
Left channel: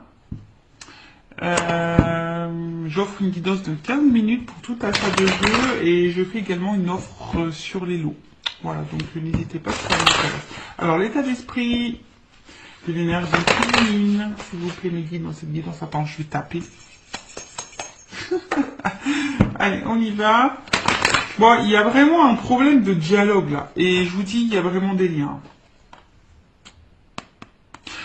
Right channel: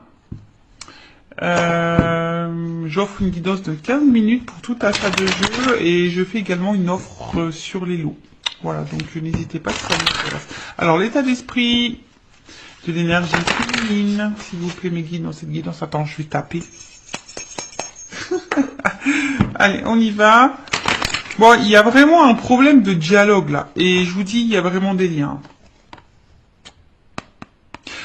J'offre une guidance de 15 minutes pour tout achat de jeu et je fais également une offre sur les lots. Voilà, donc n'hésitez pas si ça vous intéresse. Alors, l'état d'esprit de l'énergie féminine, s'il vous plaît, mes guides dans cette guidance. Attends, je vais taper. Allez, on y va. Bon, il y a vraiment un problème de dialogue là. Et je vous dis, il y a vraiment des liens.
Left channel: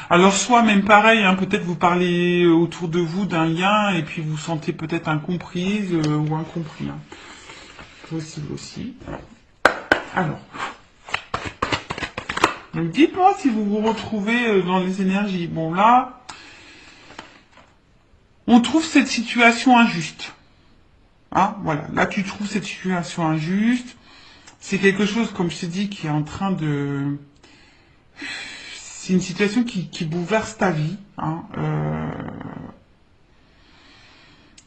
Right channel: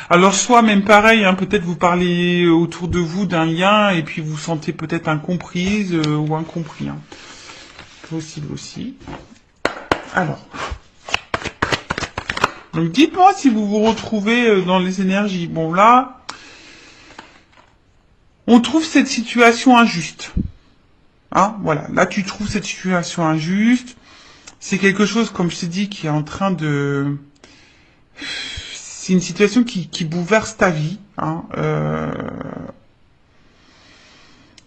Alors soit même pareil, hein, peut-être vous parlez autour de vous d'un lien et puis vous vous sentez peut-être incomprise ou incompris. Hein. Possible aussi. Alors. Donc dites-moi si vous vous retrouvez dans les énergies. Bon là, on trouve cette situation injuste. Hein, voilà, là tu trouves cette situation injuste. c'est quelque chose, comme je t'ai dit, qui est en train de... C'est une situation qui bouleverse ta vie, hein,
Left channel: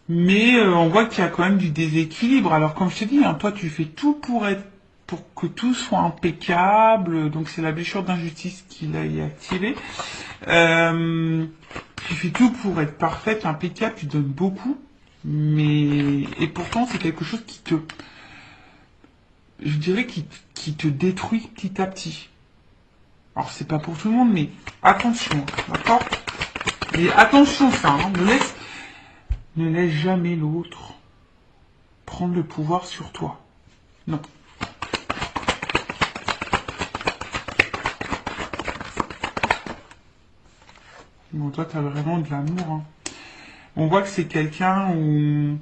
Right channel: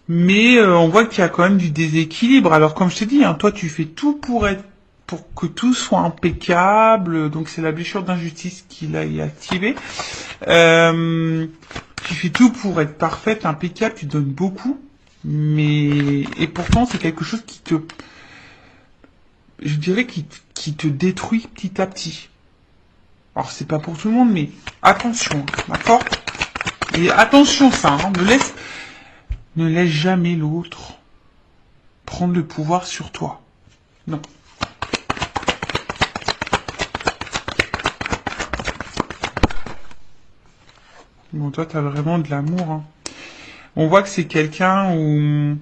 mais on voit qu'il y a quand même du déséquilibre. Alors comme je t'ai dit, hein, toi tu fais tout pour que tout soit impeccable, donc c'est la blessure d'injustice qui l'a activée. Tu fais tout pour être parfaite, impeccable, tu donnes beaucoup, mais et pourtant c'est quelque chose je dirais, qui te détruit petit à petit. Alors c'est pas pour tout le monde, mais attention, d'accord? Et attention, ça, hein, ne laisse jamais l'autre prendre le pouvoir sur toi. Non. Bon, toi, t'as vraiment de l'amour, hein. On voit que c'est quelqu'un où...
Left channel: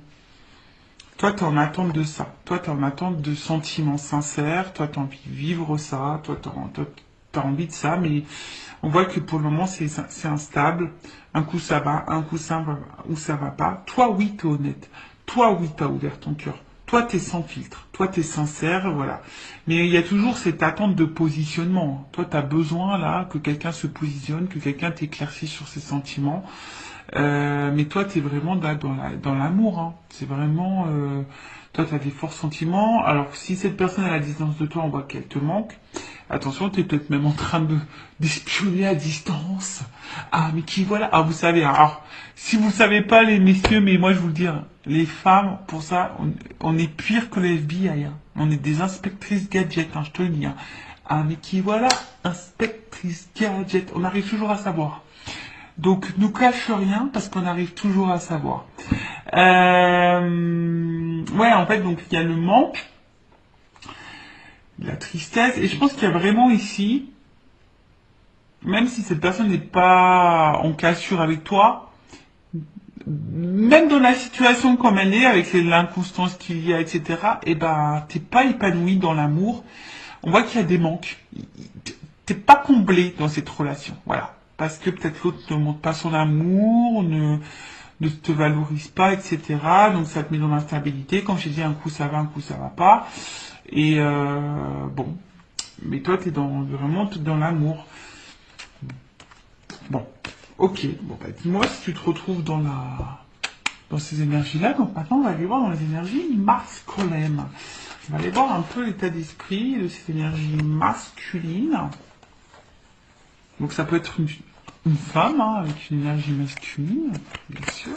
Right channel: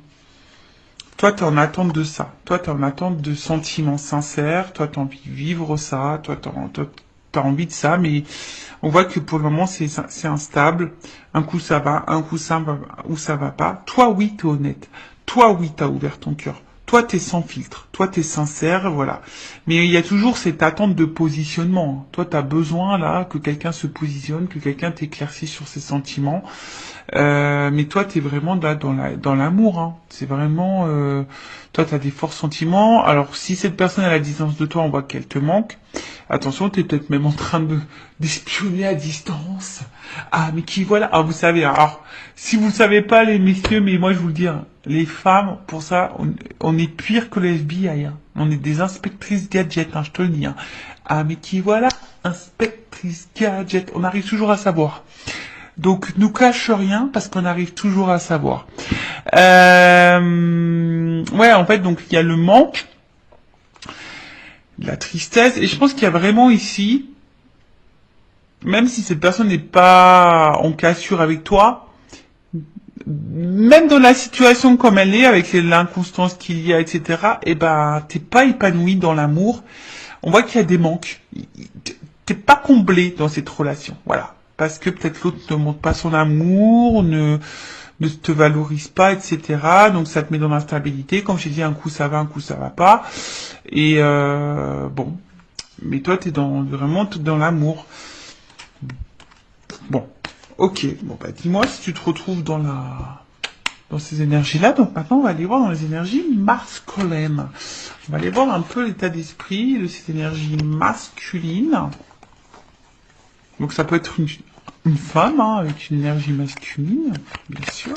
Toi, t'es en attente de ça. Toi, t'es en attente de sentiments sincères. Toi, t'as envie de vivre ça. Toi, t'as envie de ça, mais on voit que pour le moment, c'est instable. Un coup, ça va. Un coup, ça va pas. Toi, oui, t'es honnête. Toi, oui, t'as ouvert ton cœur. Toi, t'es sans filtre. Toi, t'es sincère, voilà. Mais il y a toujours cette attente de positionnement. Toi, t'as besoin, là, que quelqu'un se positionne, que quelqu'un t'éclaircisse sur ses sentiments. Mais toi, t'es vraiment là dans l'amour, hein. C'est vraiment, toi, t'as des forts sentiments. Alors, si cette personne est à la distance de toi, on voit qu'elle te manque. Attention, t'es peut-être même en train d'espionner à distance. Ah, mais qui voilà. Ah, vous savez, alors, si vous ne savez pas, les messieurs, mais moi, je vous le dis, hein, les femmes, pour ça, on est pire que les FBI, hein. On est des inspectrices gadgets, hein, je te le dis, hein. Ah, mais qui voilà, inspectrice gadget. On arrive toujours à savoir. Donc, nous cache rien parce qu'on arrive toujours à savoir. Ouais, en fait, donc il y a le manque, la tristesse, et je pense qu'il y a vraiment ici, même si cette personne n'est pas en cassure avec toi, même dans la situation comme elle est, avec l'inconstance qu'il y a, etc., eh ben, t'es pas épanoui dans l'amour. On voit qu'il y a des manques. T'es pas comblé dans cette relation. Voilà. Parce que peut-être l'autre ne montre pas son amour, ne te valorise pas, etc. Donc ça te met dans l'instabilité. Comme j'ai dit, un coup ça va, un coup ça va pas. Et bon. Mais toi, t'es vraiment dans l'amour. Bon. Ok. Bon, bah dis-moi si tu te retrouves dans ces énergies-là. Donc maintenant, on va aller voir dans les énergies masculines. On va aller voir un peu l'état d'esprit de ces énergies masculines. Donc ça peut être une femme, hein, avec une énergie masculine, bien sûr.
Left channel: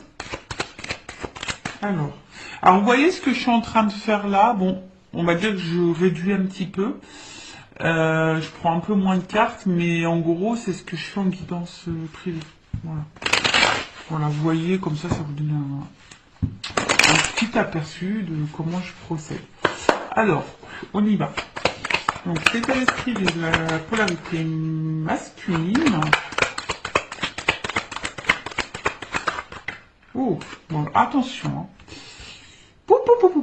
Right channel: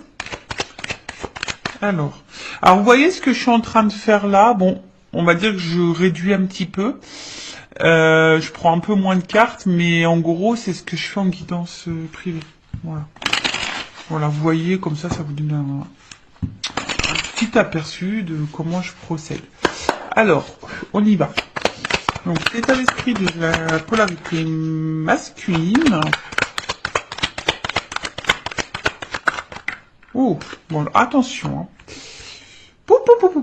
Alors, vous voyez ce que je suis en train de faire là? Bon, on va dire que je réduis un petit peu. Je prends un peu moins de cartes, mais en gros, c'est ce que je fais en guidance privée. Voilà. Voilà, vous voyez, comme ça vous donne un petit aperçu de comment je procède. Alors, on y va. Donc, l'état d'esprit de la polarité masculine. Oh, bon, attention. Hein.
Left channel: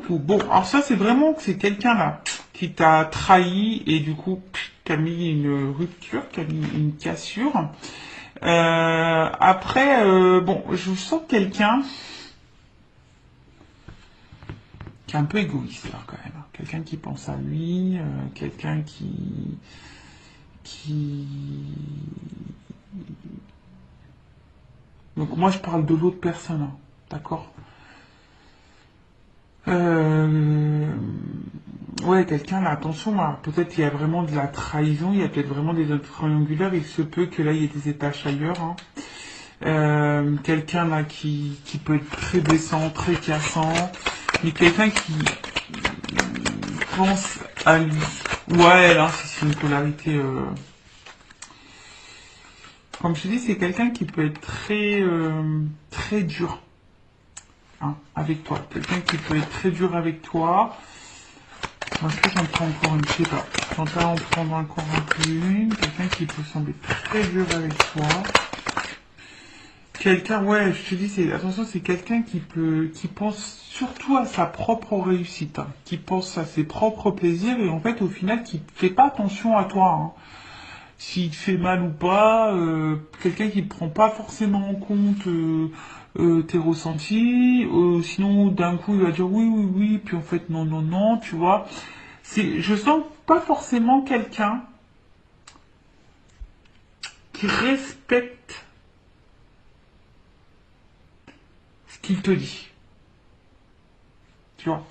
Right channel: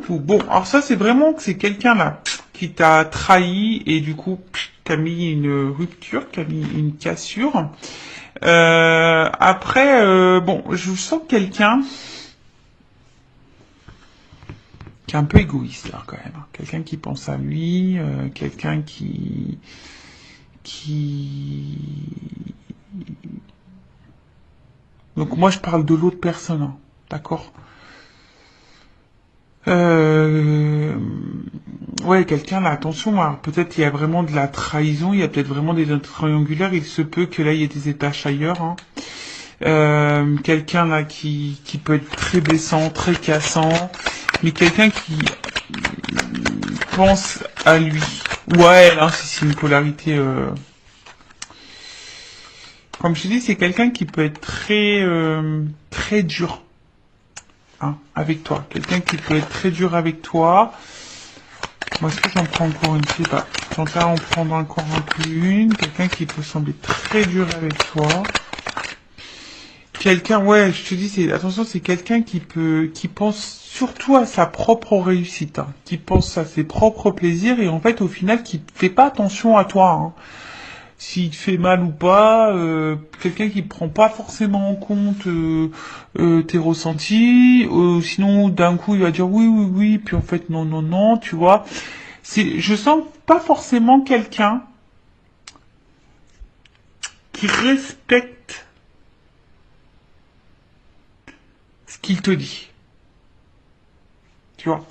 Bon, alors ça, c'est vraiment que c'est quelqu'un là qui t'a trahi et du coup, qui a mis une rupture, qui a mis une cassure. Après, bon, je sens quelqu'un qui est un peu égoïste là quand même. Quelqu'un qui pense à lui, quelqu'un qui... Donc moi je parle de l'autre personne, hein, d'accord? Ouais, quelqu'un là, attention, hein, peut-être il y a vraiment de la trahison, il y a peut-être vraiment des triangulaires, il se peut que là il y ait des étages ailleurs, hein. Quelqu'un là qui peut être très blessant, très cassant, mais quelqu'un qui pense à lui. Ouais, là c'est une polarité. Comme je te dis, c'est quelqu'un qui peut être très dur, hein, avec toi. Quelqu'un qui peut être très dur avec toi. Est-ce que j'en prends encore une? Je sais pas. J'en vais en prendre encore une. Quelqu'un qui peut sembler très dur avec toi. Quelqu'un, ouais, je te dis, attention, c'est quelqu'un qui pense surtout à sa propre réussite, hein, qui pense à ses propres plaisirs et en fait, au final, qui fait pas attention à toi, hein. S'il te fait mal ou pas, quelqu'un qui prend pas forcément en compte tes ressentis, sinon d'un coup il va dire oui, puis en fait non, tu vois. je sens pas forcément quelqu'un qui respecte ce qu'il te dit. Tu vois.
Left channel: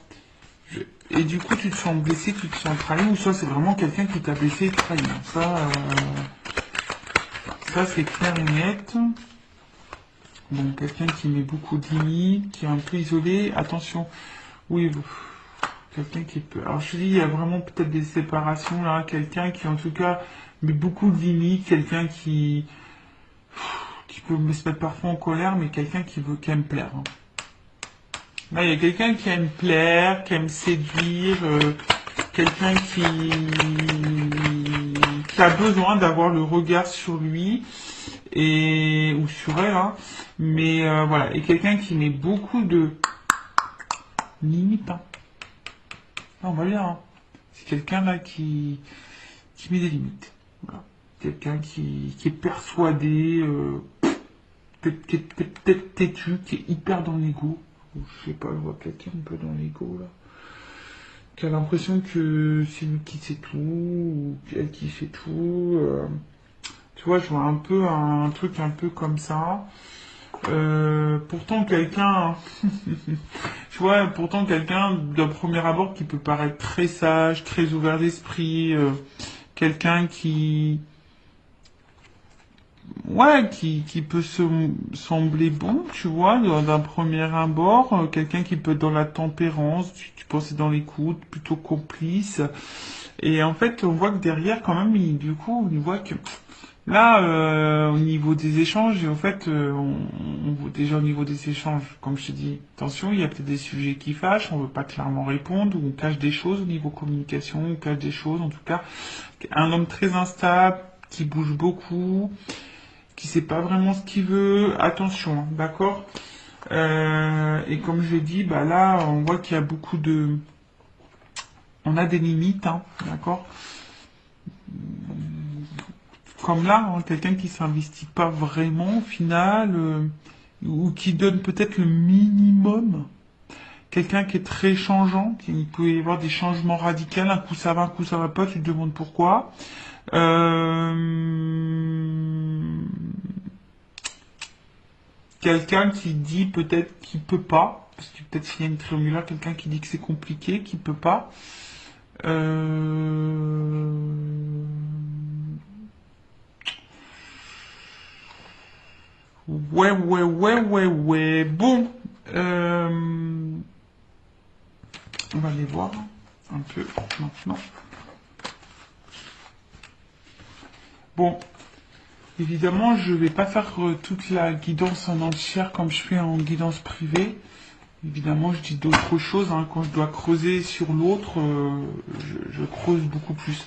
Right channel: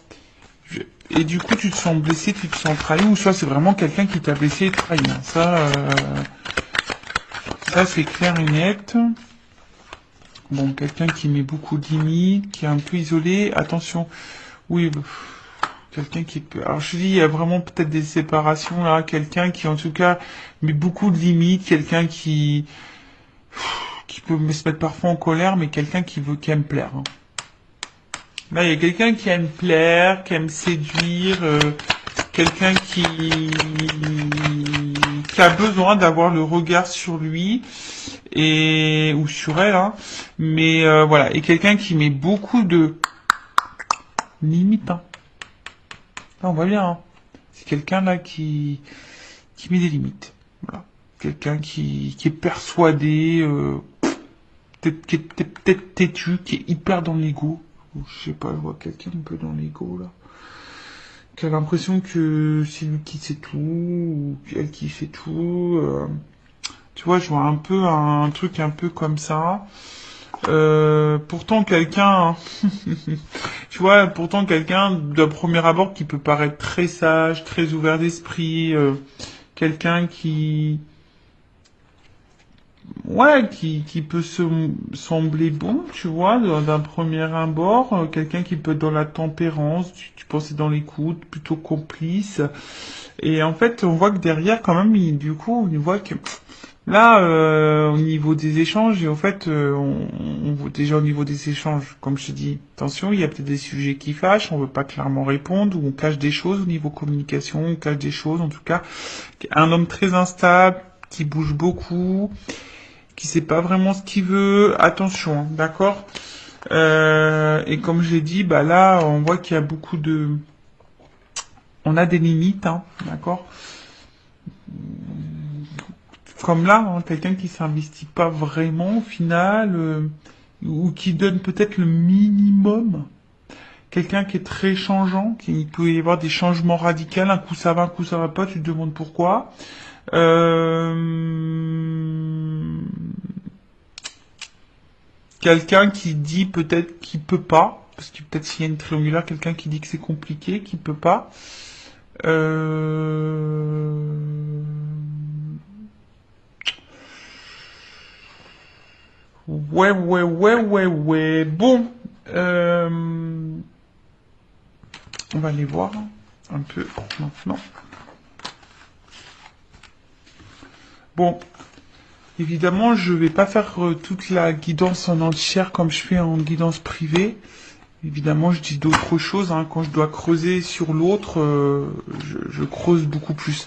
Et du coup, tu te sens blessé, tu te sens trahi, ou soit c'est vraiment quelqu'un qui t'a blessé et trahi. Ça c'est clair et net. Bon, quelqu'un qui met beaucoup de limites, qui est un peu isolé. Attention, oui, quelqu'un qui peut... Alors je dis, il y a vraiment peut-être des séparations là. Quelqu'un qui en tout cas met beaucoup de limites, quelqu'un qui peut se mettre parfois en colère, mais quelqu'un qui aime plaire. Hein. Là, il y a quelqu'un qui aime plaire, qui aime séduire, quelqu'un qui a besoin d'avoir le regard sur lui ou sur elle, hein. Mais voilà, et quelqu'un qui met beaucoup de limites. Hein. Ah, on voit bien. Hein. C'est quelqu'un là qui met des limites. Voilà. Quelqu'un qui est persuadé, qui est peut-être têtu, qui est hyper dans l'ego. Je sais pas, je vois quelqu'un un peu dans l'ego là. Qui a l'impression que c'est lui qui sait tout, ou elle qui fait tout. Tu vois, je vois un peu un truc un peu comme ça. Pourtant quelqu'un, tu vois, pourtant quelqu'un d'un premier abord qui peut paraître très sage, très ouvert d'esprit, quelqu'un qui peut sembler bon, tu vois, d'un premier abord, quelqu'un qui peut être dans la tempérance, qui pense être dans l'écoute, plutôt complice. Et en fait, on voit que derrière, quand même, du coup, on voit que là, au niveau des échanges, en fait, on voit déjà au niveau des échanges, comme je te dis, attention, il y a peut-être des sujets qui fâchent, on veut pas clairement répondre, ou on cache des choses au niveau communication, on cache des choses, en tout cas, un homme très instable, qui bouge beaucoup, qui sait pas vraiment ce qu'il veut, attention, hein, d'accord? Et comme j'ai dit, bah là, on voit qu'il y a beaucoup de... On a des limites, hein, d'accord? Comme là, hein, quelqu'un qui s'investit pas vraiment au final, ou qui donne peut-être le minimum. Quelqu'un qui est très changeant, qui peut y avoir des changements radicaux, un coup ça va pas, tu te demandes pourquoi. Quelqu'un qui dit peut-être qu'il peut pas, parce que peut-être s'il y a une triangulaire, quelqu'un qui dit que c'est compliqué, qu'il peut pas. Ouais. Bon, on va aller voir un peu maintenant. Bon, évidemment, je vais pas faire toute la guidance en entière comme je fais en guidance privée. Évidemment, je dis d'autres choses. Hein. Quand je dois creuser sur l'autre, je creuse beaucoup plus.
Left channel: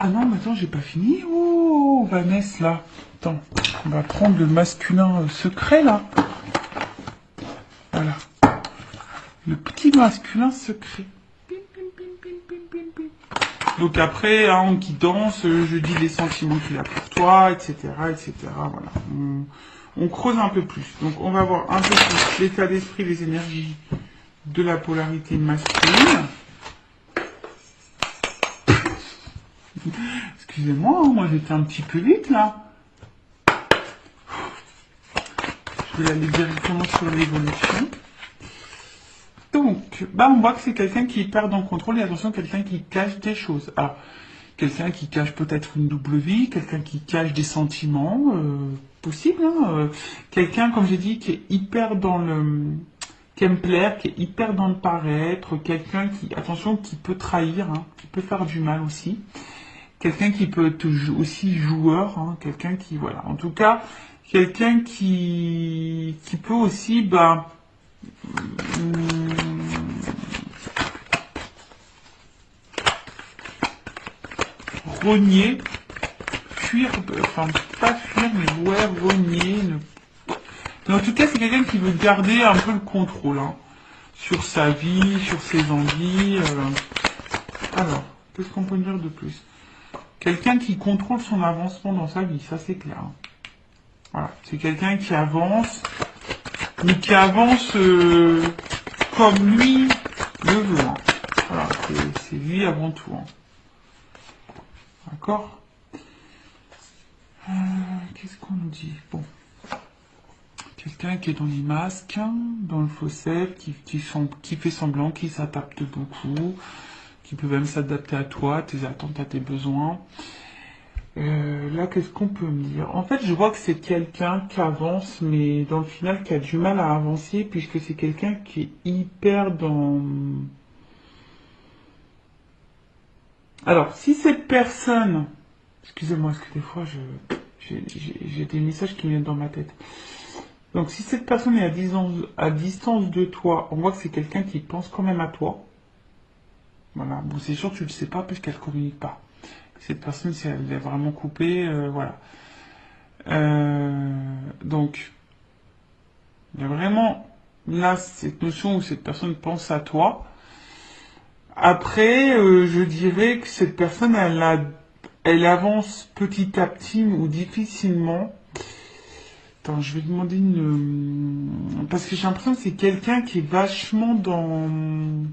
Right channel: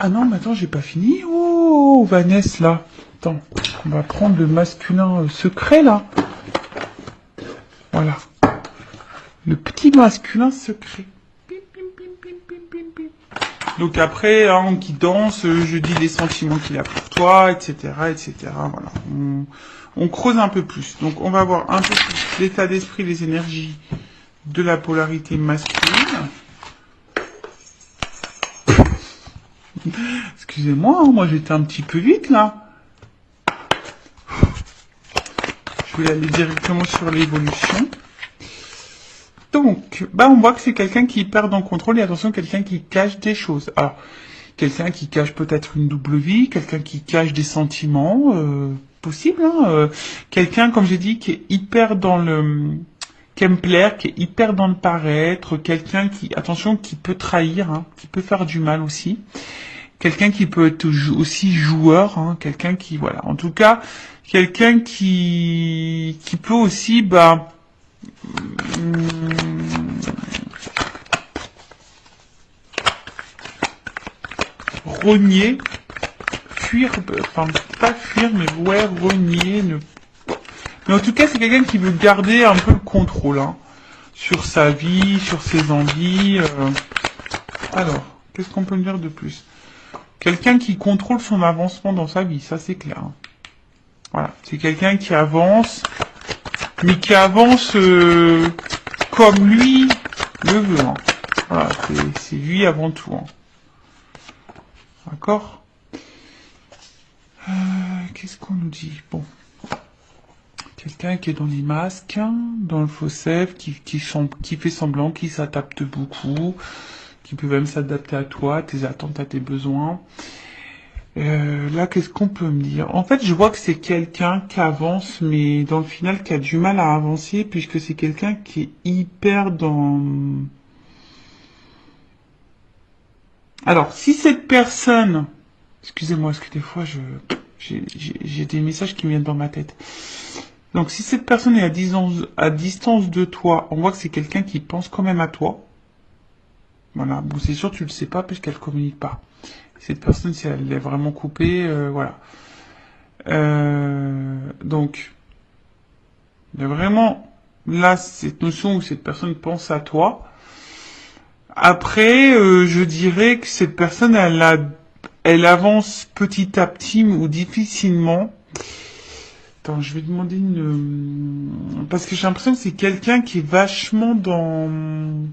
Ah non, mais attends, j'ai pas fini. Oh, Vanessa, là. Attends, on va prendre le masculin secret, là. Voilà. Le petit masculin secret. Donc après, hein, en guidance, je dis les sentiments qu'il a pour toi, etc., etc. Voilà. On creuse un peu plus. Donc on va voir un peu plus l'état d'esprit, les énergies de la polarité masculine. Excusez-moi, hein, moi j'étais un petit peu vite là. Je vais aller directement sur l'évolution. Donc, bah, on voit que c'est quelqu'un qui perd en contrôle et attention, quelqu'un qui cache des choses. Alors, quelqu'un qui cache peut-être une double vie, quelqu'un qui cache des sentiments, possible, hein, quelqu'un, comme j'ai dit, qui est hyper dans qui aime plaire, qui est hyper dans le paraître, quelqu'un qui, attention, qui peut trahir, hein, qui peut faire du mal aussi. Quelqu'un qui peut être aussi joueur, hein, quelqu'un qui, voilà, en tout cas, quelqu'un qui peut aussi, bah, renier, fuir, enfin pas fuir, mais ouais, renier. Mais en tout cas, c'est quelqu'un qui veut garder un peu le contrôle hein, sur sa vie, sur ses envies. Alors, qu'est-ce qu'on peut me dire de plus? Quelqu'un qui contrôle son avancement dans sa vie, ça c'est clair. Hein. Voilà, c'est quelqu'un qui avance, mais qui avance comme lui le veut. Hein. Voilà, c'est lui avant tout. Hein. D'accord. Qu'est-ce qu'on nous dit? Bon. Quelqu'un qui est dans les masques, dans le faussaire, qui fait semblant, qui s'adapte beaucoup, qui peut même s'adapter à toi, à tes attentes, à tes besoins. Là, qu'est-ce qu'on peut me dire? En fait, je vois que c'est quelqu'un qui avance, mais dans le final, qui a du mal à avancer, puisque c'est quelqu'un qui est hyper dans... Alors, si cette personne... Excusez-moi, parce que des fois, j'ai des messages qui me viennent dans ma tête. Donc, si cette personne est à distance de toi, on voit que c'est quelqu'un qui pense quand même à toi. Voilà. Bon, c'est sûr, tu le sais pas, parce qu'elle communique pas. Cette personne, si elle est vraiment coupée, voilà. Donc, il y a vraiment, là, cette notion où cette personne pense à toi. Après, je dirais que cette personne, elle avance petit à petit ou difficilement. Attends, je vais demander une... Parce que j'ai l'impression que c'est quelqu'un qui est vachement dans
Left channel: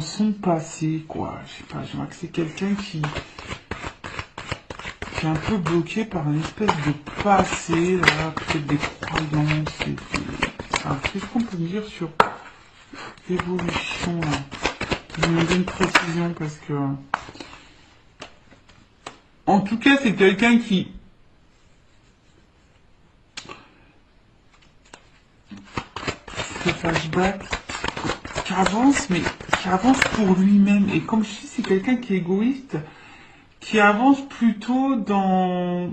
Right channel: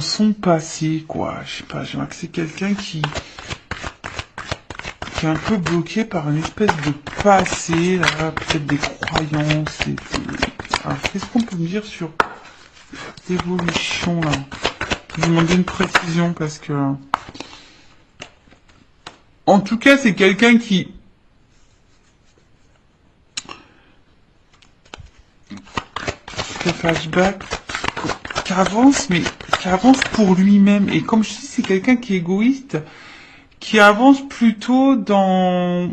son passé, quoi. Je sais pas, je vois que c'est quelqu'un qui est un peu bloqué par une espèce de passé, là, peut-être des croyances. Alors, qu'est-ce qu'on peut me dire sur l'évolution, là? Je vais demander une précision parce que... En tout cas, c'est quelqu'un qui... fait flashback, qui avance, mais qui avance pour lui-même. Et comme je dis, c'est quelqu'un qui est égoïste, qui avance plutôt dans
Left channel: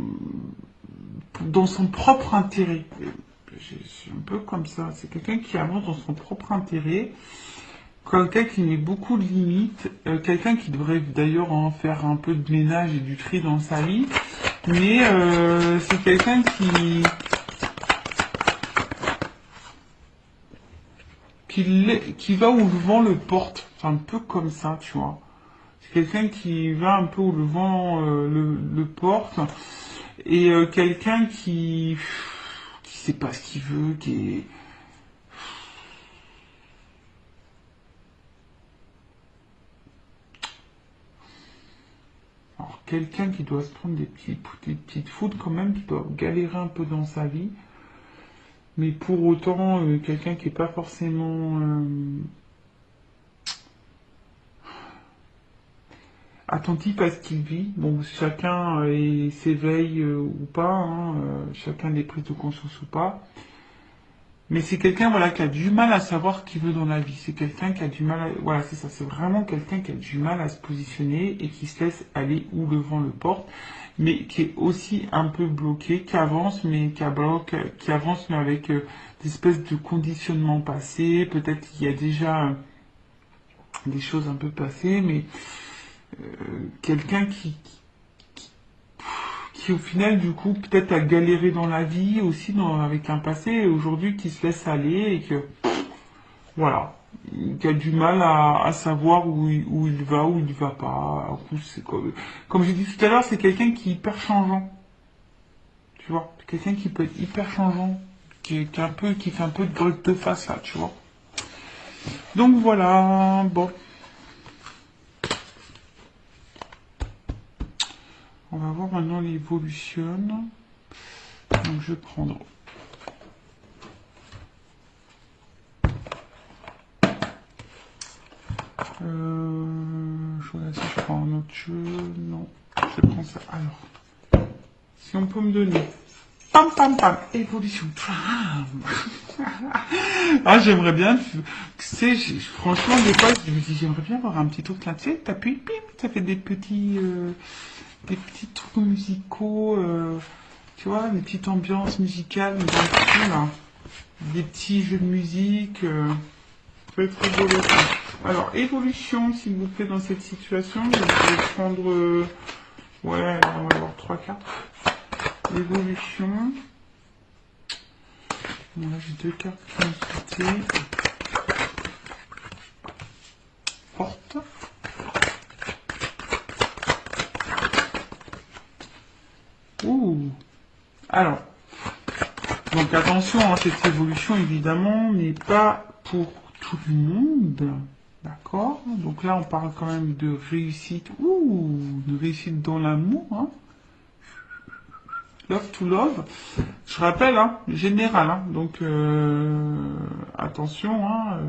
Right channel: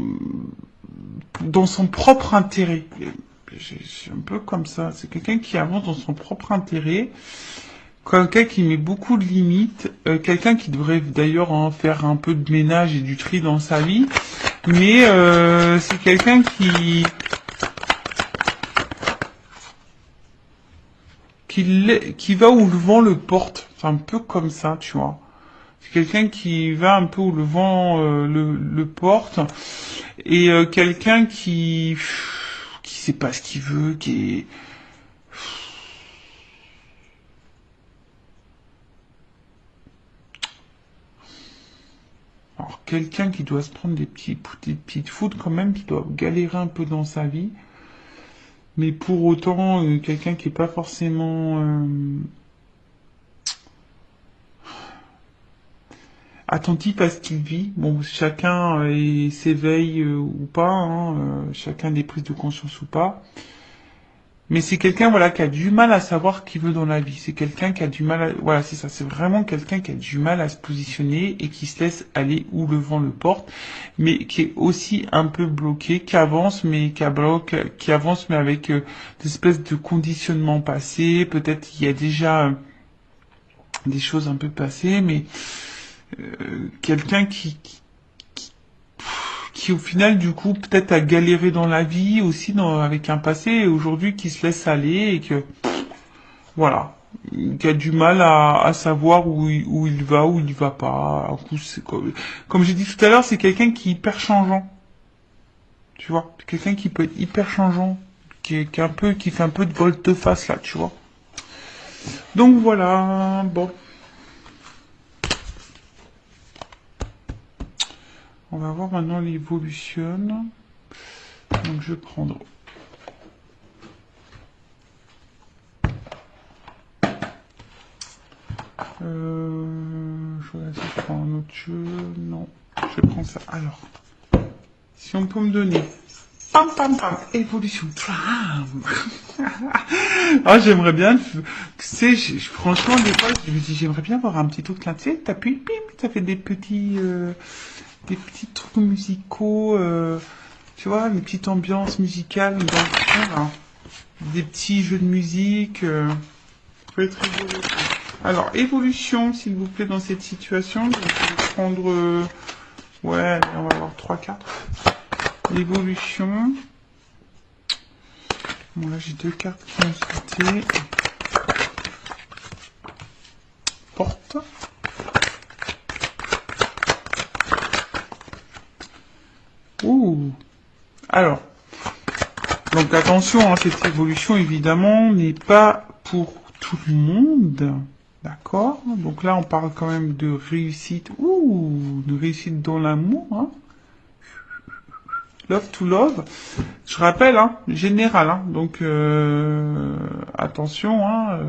son propre intérêt. C'est un peu comme ça. C'est quelqu'un qui avance dans son propre intérêt, quelqu'un qui met beaucoup de limites, quelqu'un qui devrait d'ailleurs en faire un peu de ménage et du tri dans sa vie, mais c'est quelqu'un qui va où le vent le porte. C'est un peu comme ça, tu vois. C'est quelqu'un qui va un peu où le vent le porte. Et quelqu'un qui sait pas ce qu'il veut, qui est... Alors, quelqu'un qui doit se prendre des petites fautes quand même, qui doit galérer un peu dans sa vie. Mais pour autant, quelqu'un qui n'est pas forcément attentif à ce qu'il vit. Bon, chacun s'éveille ou pas, hein, chacun des prises de conscience ou pas. Mais c'est quelqu'un, voilà, qui a du mal à savoir ce qu'il veut dans la vie. C'est quelqu'un qui a du mal à... Voilà, c'est ça. C'est vraiment quelqu'un qui a du mal à se positionner et qui se laisse aller où le vent le porte, mais qui est aussi un peu bloqué, qui avance, mais qui avance, mais avec des espèces de conditionnements passés. Peut-être qu'il y a déjà des choses un peu passées, mais quelqu'un qui au final, du coup, peut-être a galéré dans la vie aussi avec un passé, et aujourd'hui qui se laisse aller et que, voilà, qui a du mal à savoir où il va, où il va pas. Alors, comme j'ai dit tout à l'heure, c'est quelqu'un qui est hyper changeant. Tu vois, c'est quelqu'un qui peut être hyper changeant, qui fait un peu de volte-face là, tu vois. Donc voilà, bon. On va voir maintenant l'évolution. Donc je vais prendre. Je prends un autre jeu. Non, je prends ça. Alors, si on peut me donner. Pam pam pam, évolution. Ah, j'aimerais bien. Tu sais, franchement, des fois, je me dis, j'aimerais bien avoir un petit autre là. Tu sais, t'appuies, bim, ça fait des petits trucs musicaux, tu vois, des petites ambiances musicales, des petits jeux de musique, ça peut être rigolo. Alors, évolution, s'il vous plaît, dans cette situation, je vais prendre, ouais, alors, 3-4. Évolution. Bon, là, j'ai 2 cartes qui ont sauté. Porte. Ouh. Alors, donc attention, hein, cette évolution évidemment n'est pas pour tout le monde. D'accord? Donc là, on parle quand même de réussite. Ouh, de réussite dans l'amour, hein. Love to love. Je rappelle, hein, général, hein. Donc, attention, hein.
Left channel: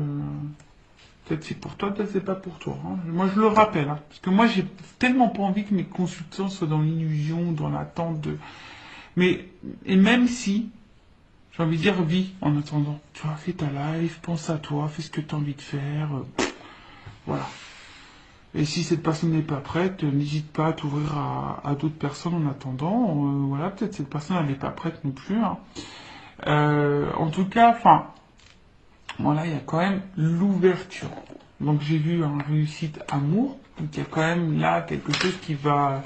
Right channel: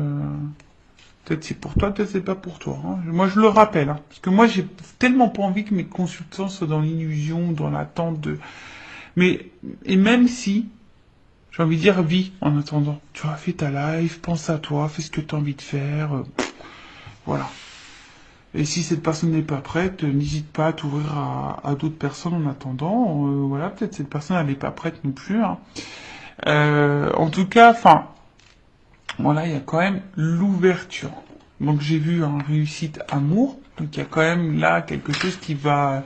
Peut-être c'est pour toi, peut-être c'est pas pour toi, hein. Moi, je le rappelle, hein, parce que moi, j'ai tellement pas envie que mes consultants soient dans l'illusion, dans l'attente de... Mais, et même si, j'ai envie de dire, vis en attendant. Tu vois, fais ta life, pense à toi, fais ce que tu as envie de faire. Voilà. Et si cette personne n'est pas prête, n'hésite pas à t'ouvrir à d'autres personnes en attendant. Voilà, peut-être cette personne elle n'est pas prête non plus, hein. En tout cas, enfin, voilà, il y a quand même l'ouverture. Donc j'ai vu en réussite amour. Donc il y a quand même là quelque chose qui va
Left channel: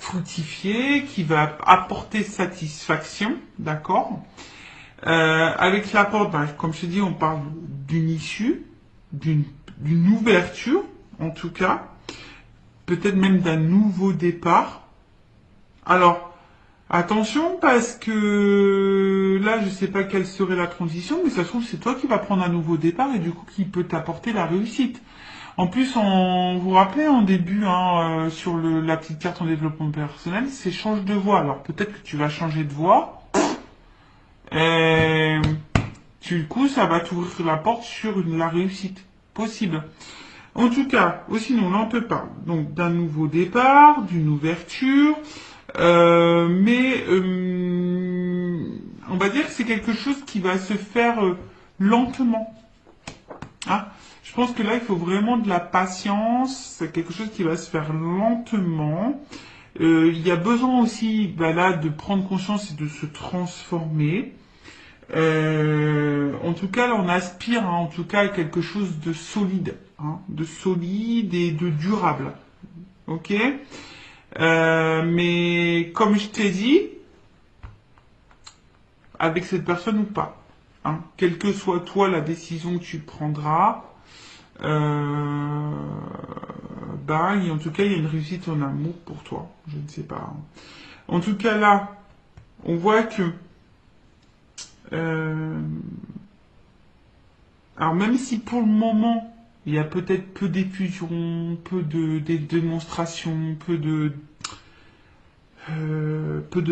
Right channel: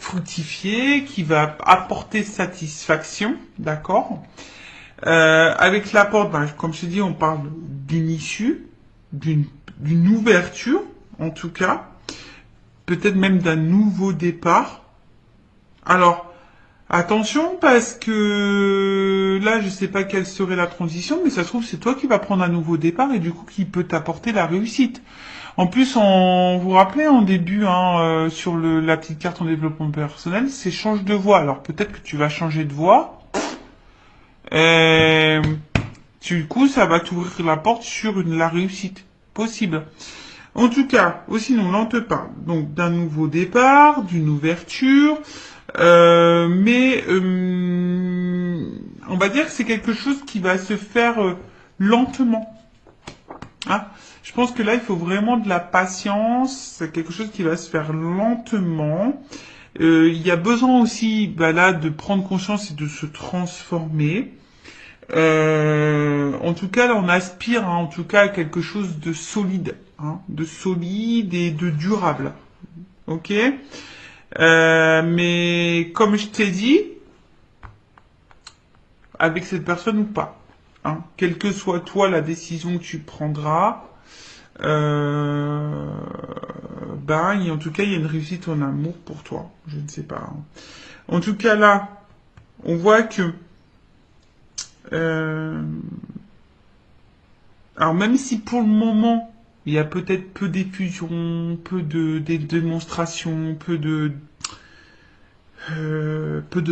fructifier, qui va apporter satisfaction, d'accord. Avec l'apport, ben, comme je t'ai dit, on parle d'une issue, d'une ouverture, en tout cas, peut-être même d'un nouveau départ. Alors, attention, parce que là, je sais pas quelle serait la transition, mais ça se trouve, c'est toi qui vas prendre un nouveau départ et du coup, qui peut t'apporter la réussite. En plus, vous vous rappelez en début, hein, sur la petite carte en développement personnel, c'est change de voie. Alors, peut-être que tu vas changer de voie. Et, du coup, ça va t'ouvrir la porte sur la réussite possible. En tout cas, aussi, nous, on te parle donc d'un nouveau départ, d'une ouverture, mais on va dire que c'est quelque chose qui va se faire lentement. Hein. Je pense que là, il faut vraiment de la patience. C'est quelque chose qui va se faire lentement. Il y a besoin aussi, bah là, de prendre conscience et de se transformer. En tout cas, là, on aspire, hein, en tout cas, à quelque chose de solide, hein, de solide et de durable. Ok? Mais comme je t'ai dit, avec cette personne ou pas, hein, quelle que soit toi la décision que tu prendras, en tout cas, il y a une réussite en amour pour toi. Je ne sais pas, hein. En tout cas, là, on voit que alors même si pour le moment il y a peut-être peu d'effusion, peu de démonstration, peu de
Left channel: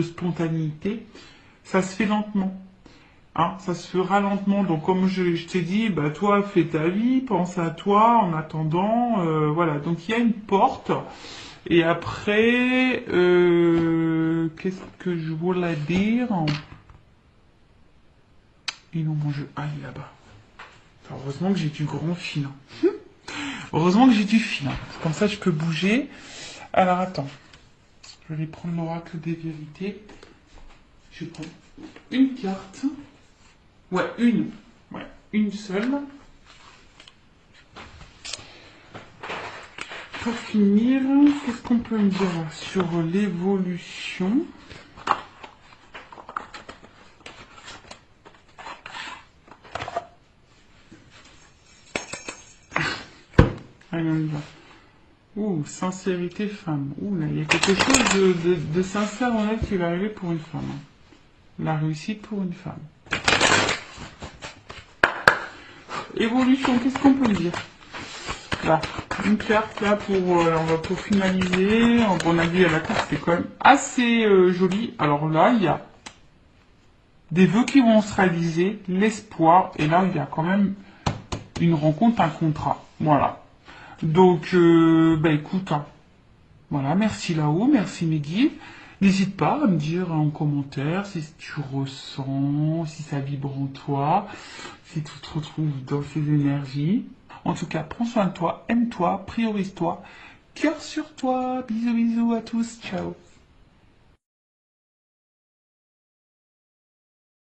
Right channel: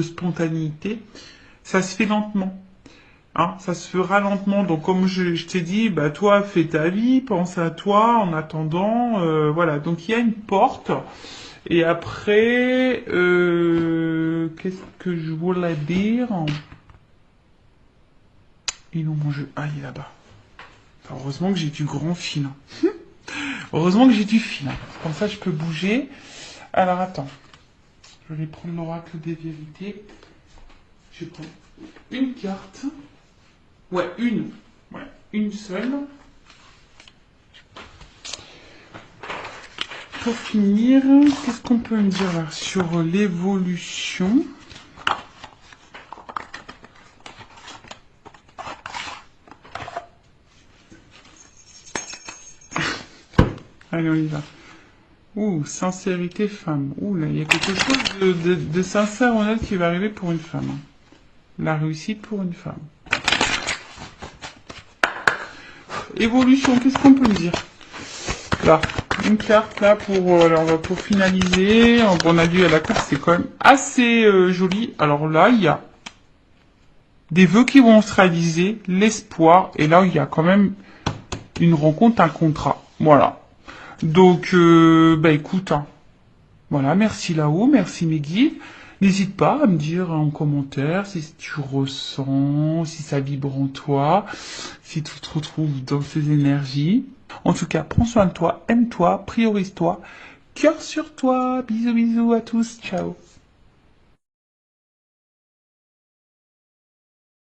spontanéité, ça se fait lentement. Hein, ça se fera lentement. Donc comme je t'ai dit, bah toi fais ta vie, pense à toi en attendant. Voilà. Donc il y a une porte. Et après, qu'est-ce que je voulais dire? Ils m'ont mangé. Ah, il est là-bas. Heureusement que j'ai du grand fil. Heureusement que j'ai du fil. Comme ça, je peux bouger. Alors, attends. Je vais prendre l'oracle des vérités. Je prends une carte. Ouais, une. Ouais, une seule. Pour finir, qu'est-ce qu'on peut me dire là sur l'évolution? Allez, on y va. Ouh, sincérité femme. Ouh, là, il y a quelque chose de sincère en elle qui va arriver pour une femme. La réussite pour une femme. Évolution, qu'est-ce qu'on peut dire? Là, une carte là pour finaliser. On a vu à la carte, c'est quand même assez joli. Alors là, il y a des vœux qui vont se réaliser, l'espoir, et là, il y a quand même une rencontre, un contrat. Voilà. Donc, écoute, hein. Voilà, merci là-haut, merci Mehdi. N'hésite pas à me dire en commentaire si tu ressens, si ça vibre en toi, si tu te retrouves dans ces énergies. En tout cas, prends soin de toi, aime-toi, priorise-toi, cœur sur toi. Bisous bisous à tous, ciao.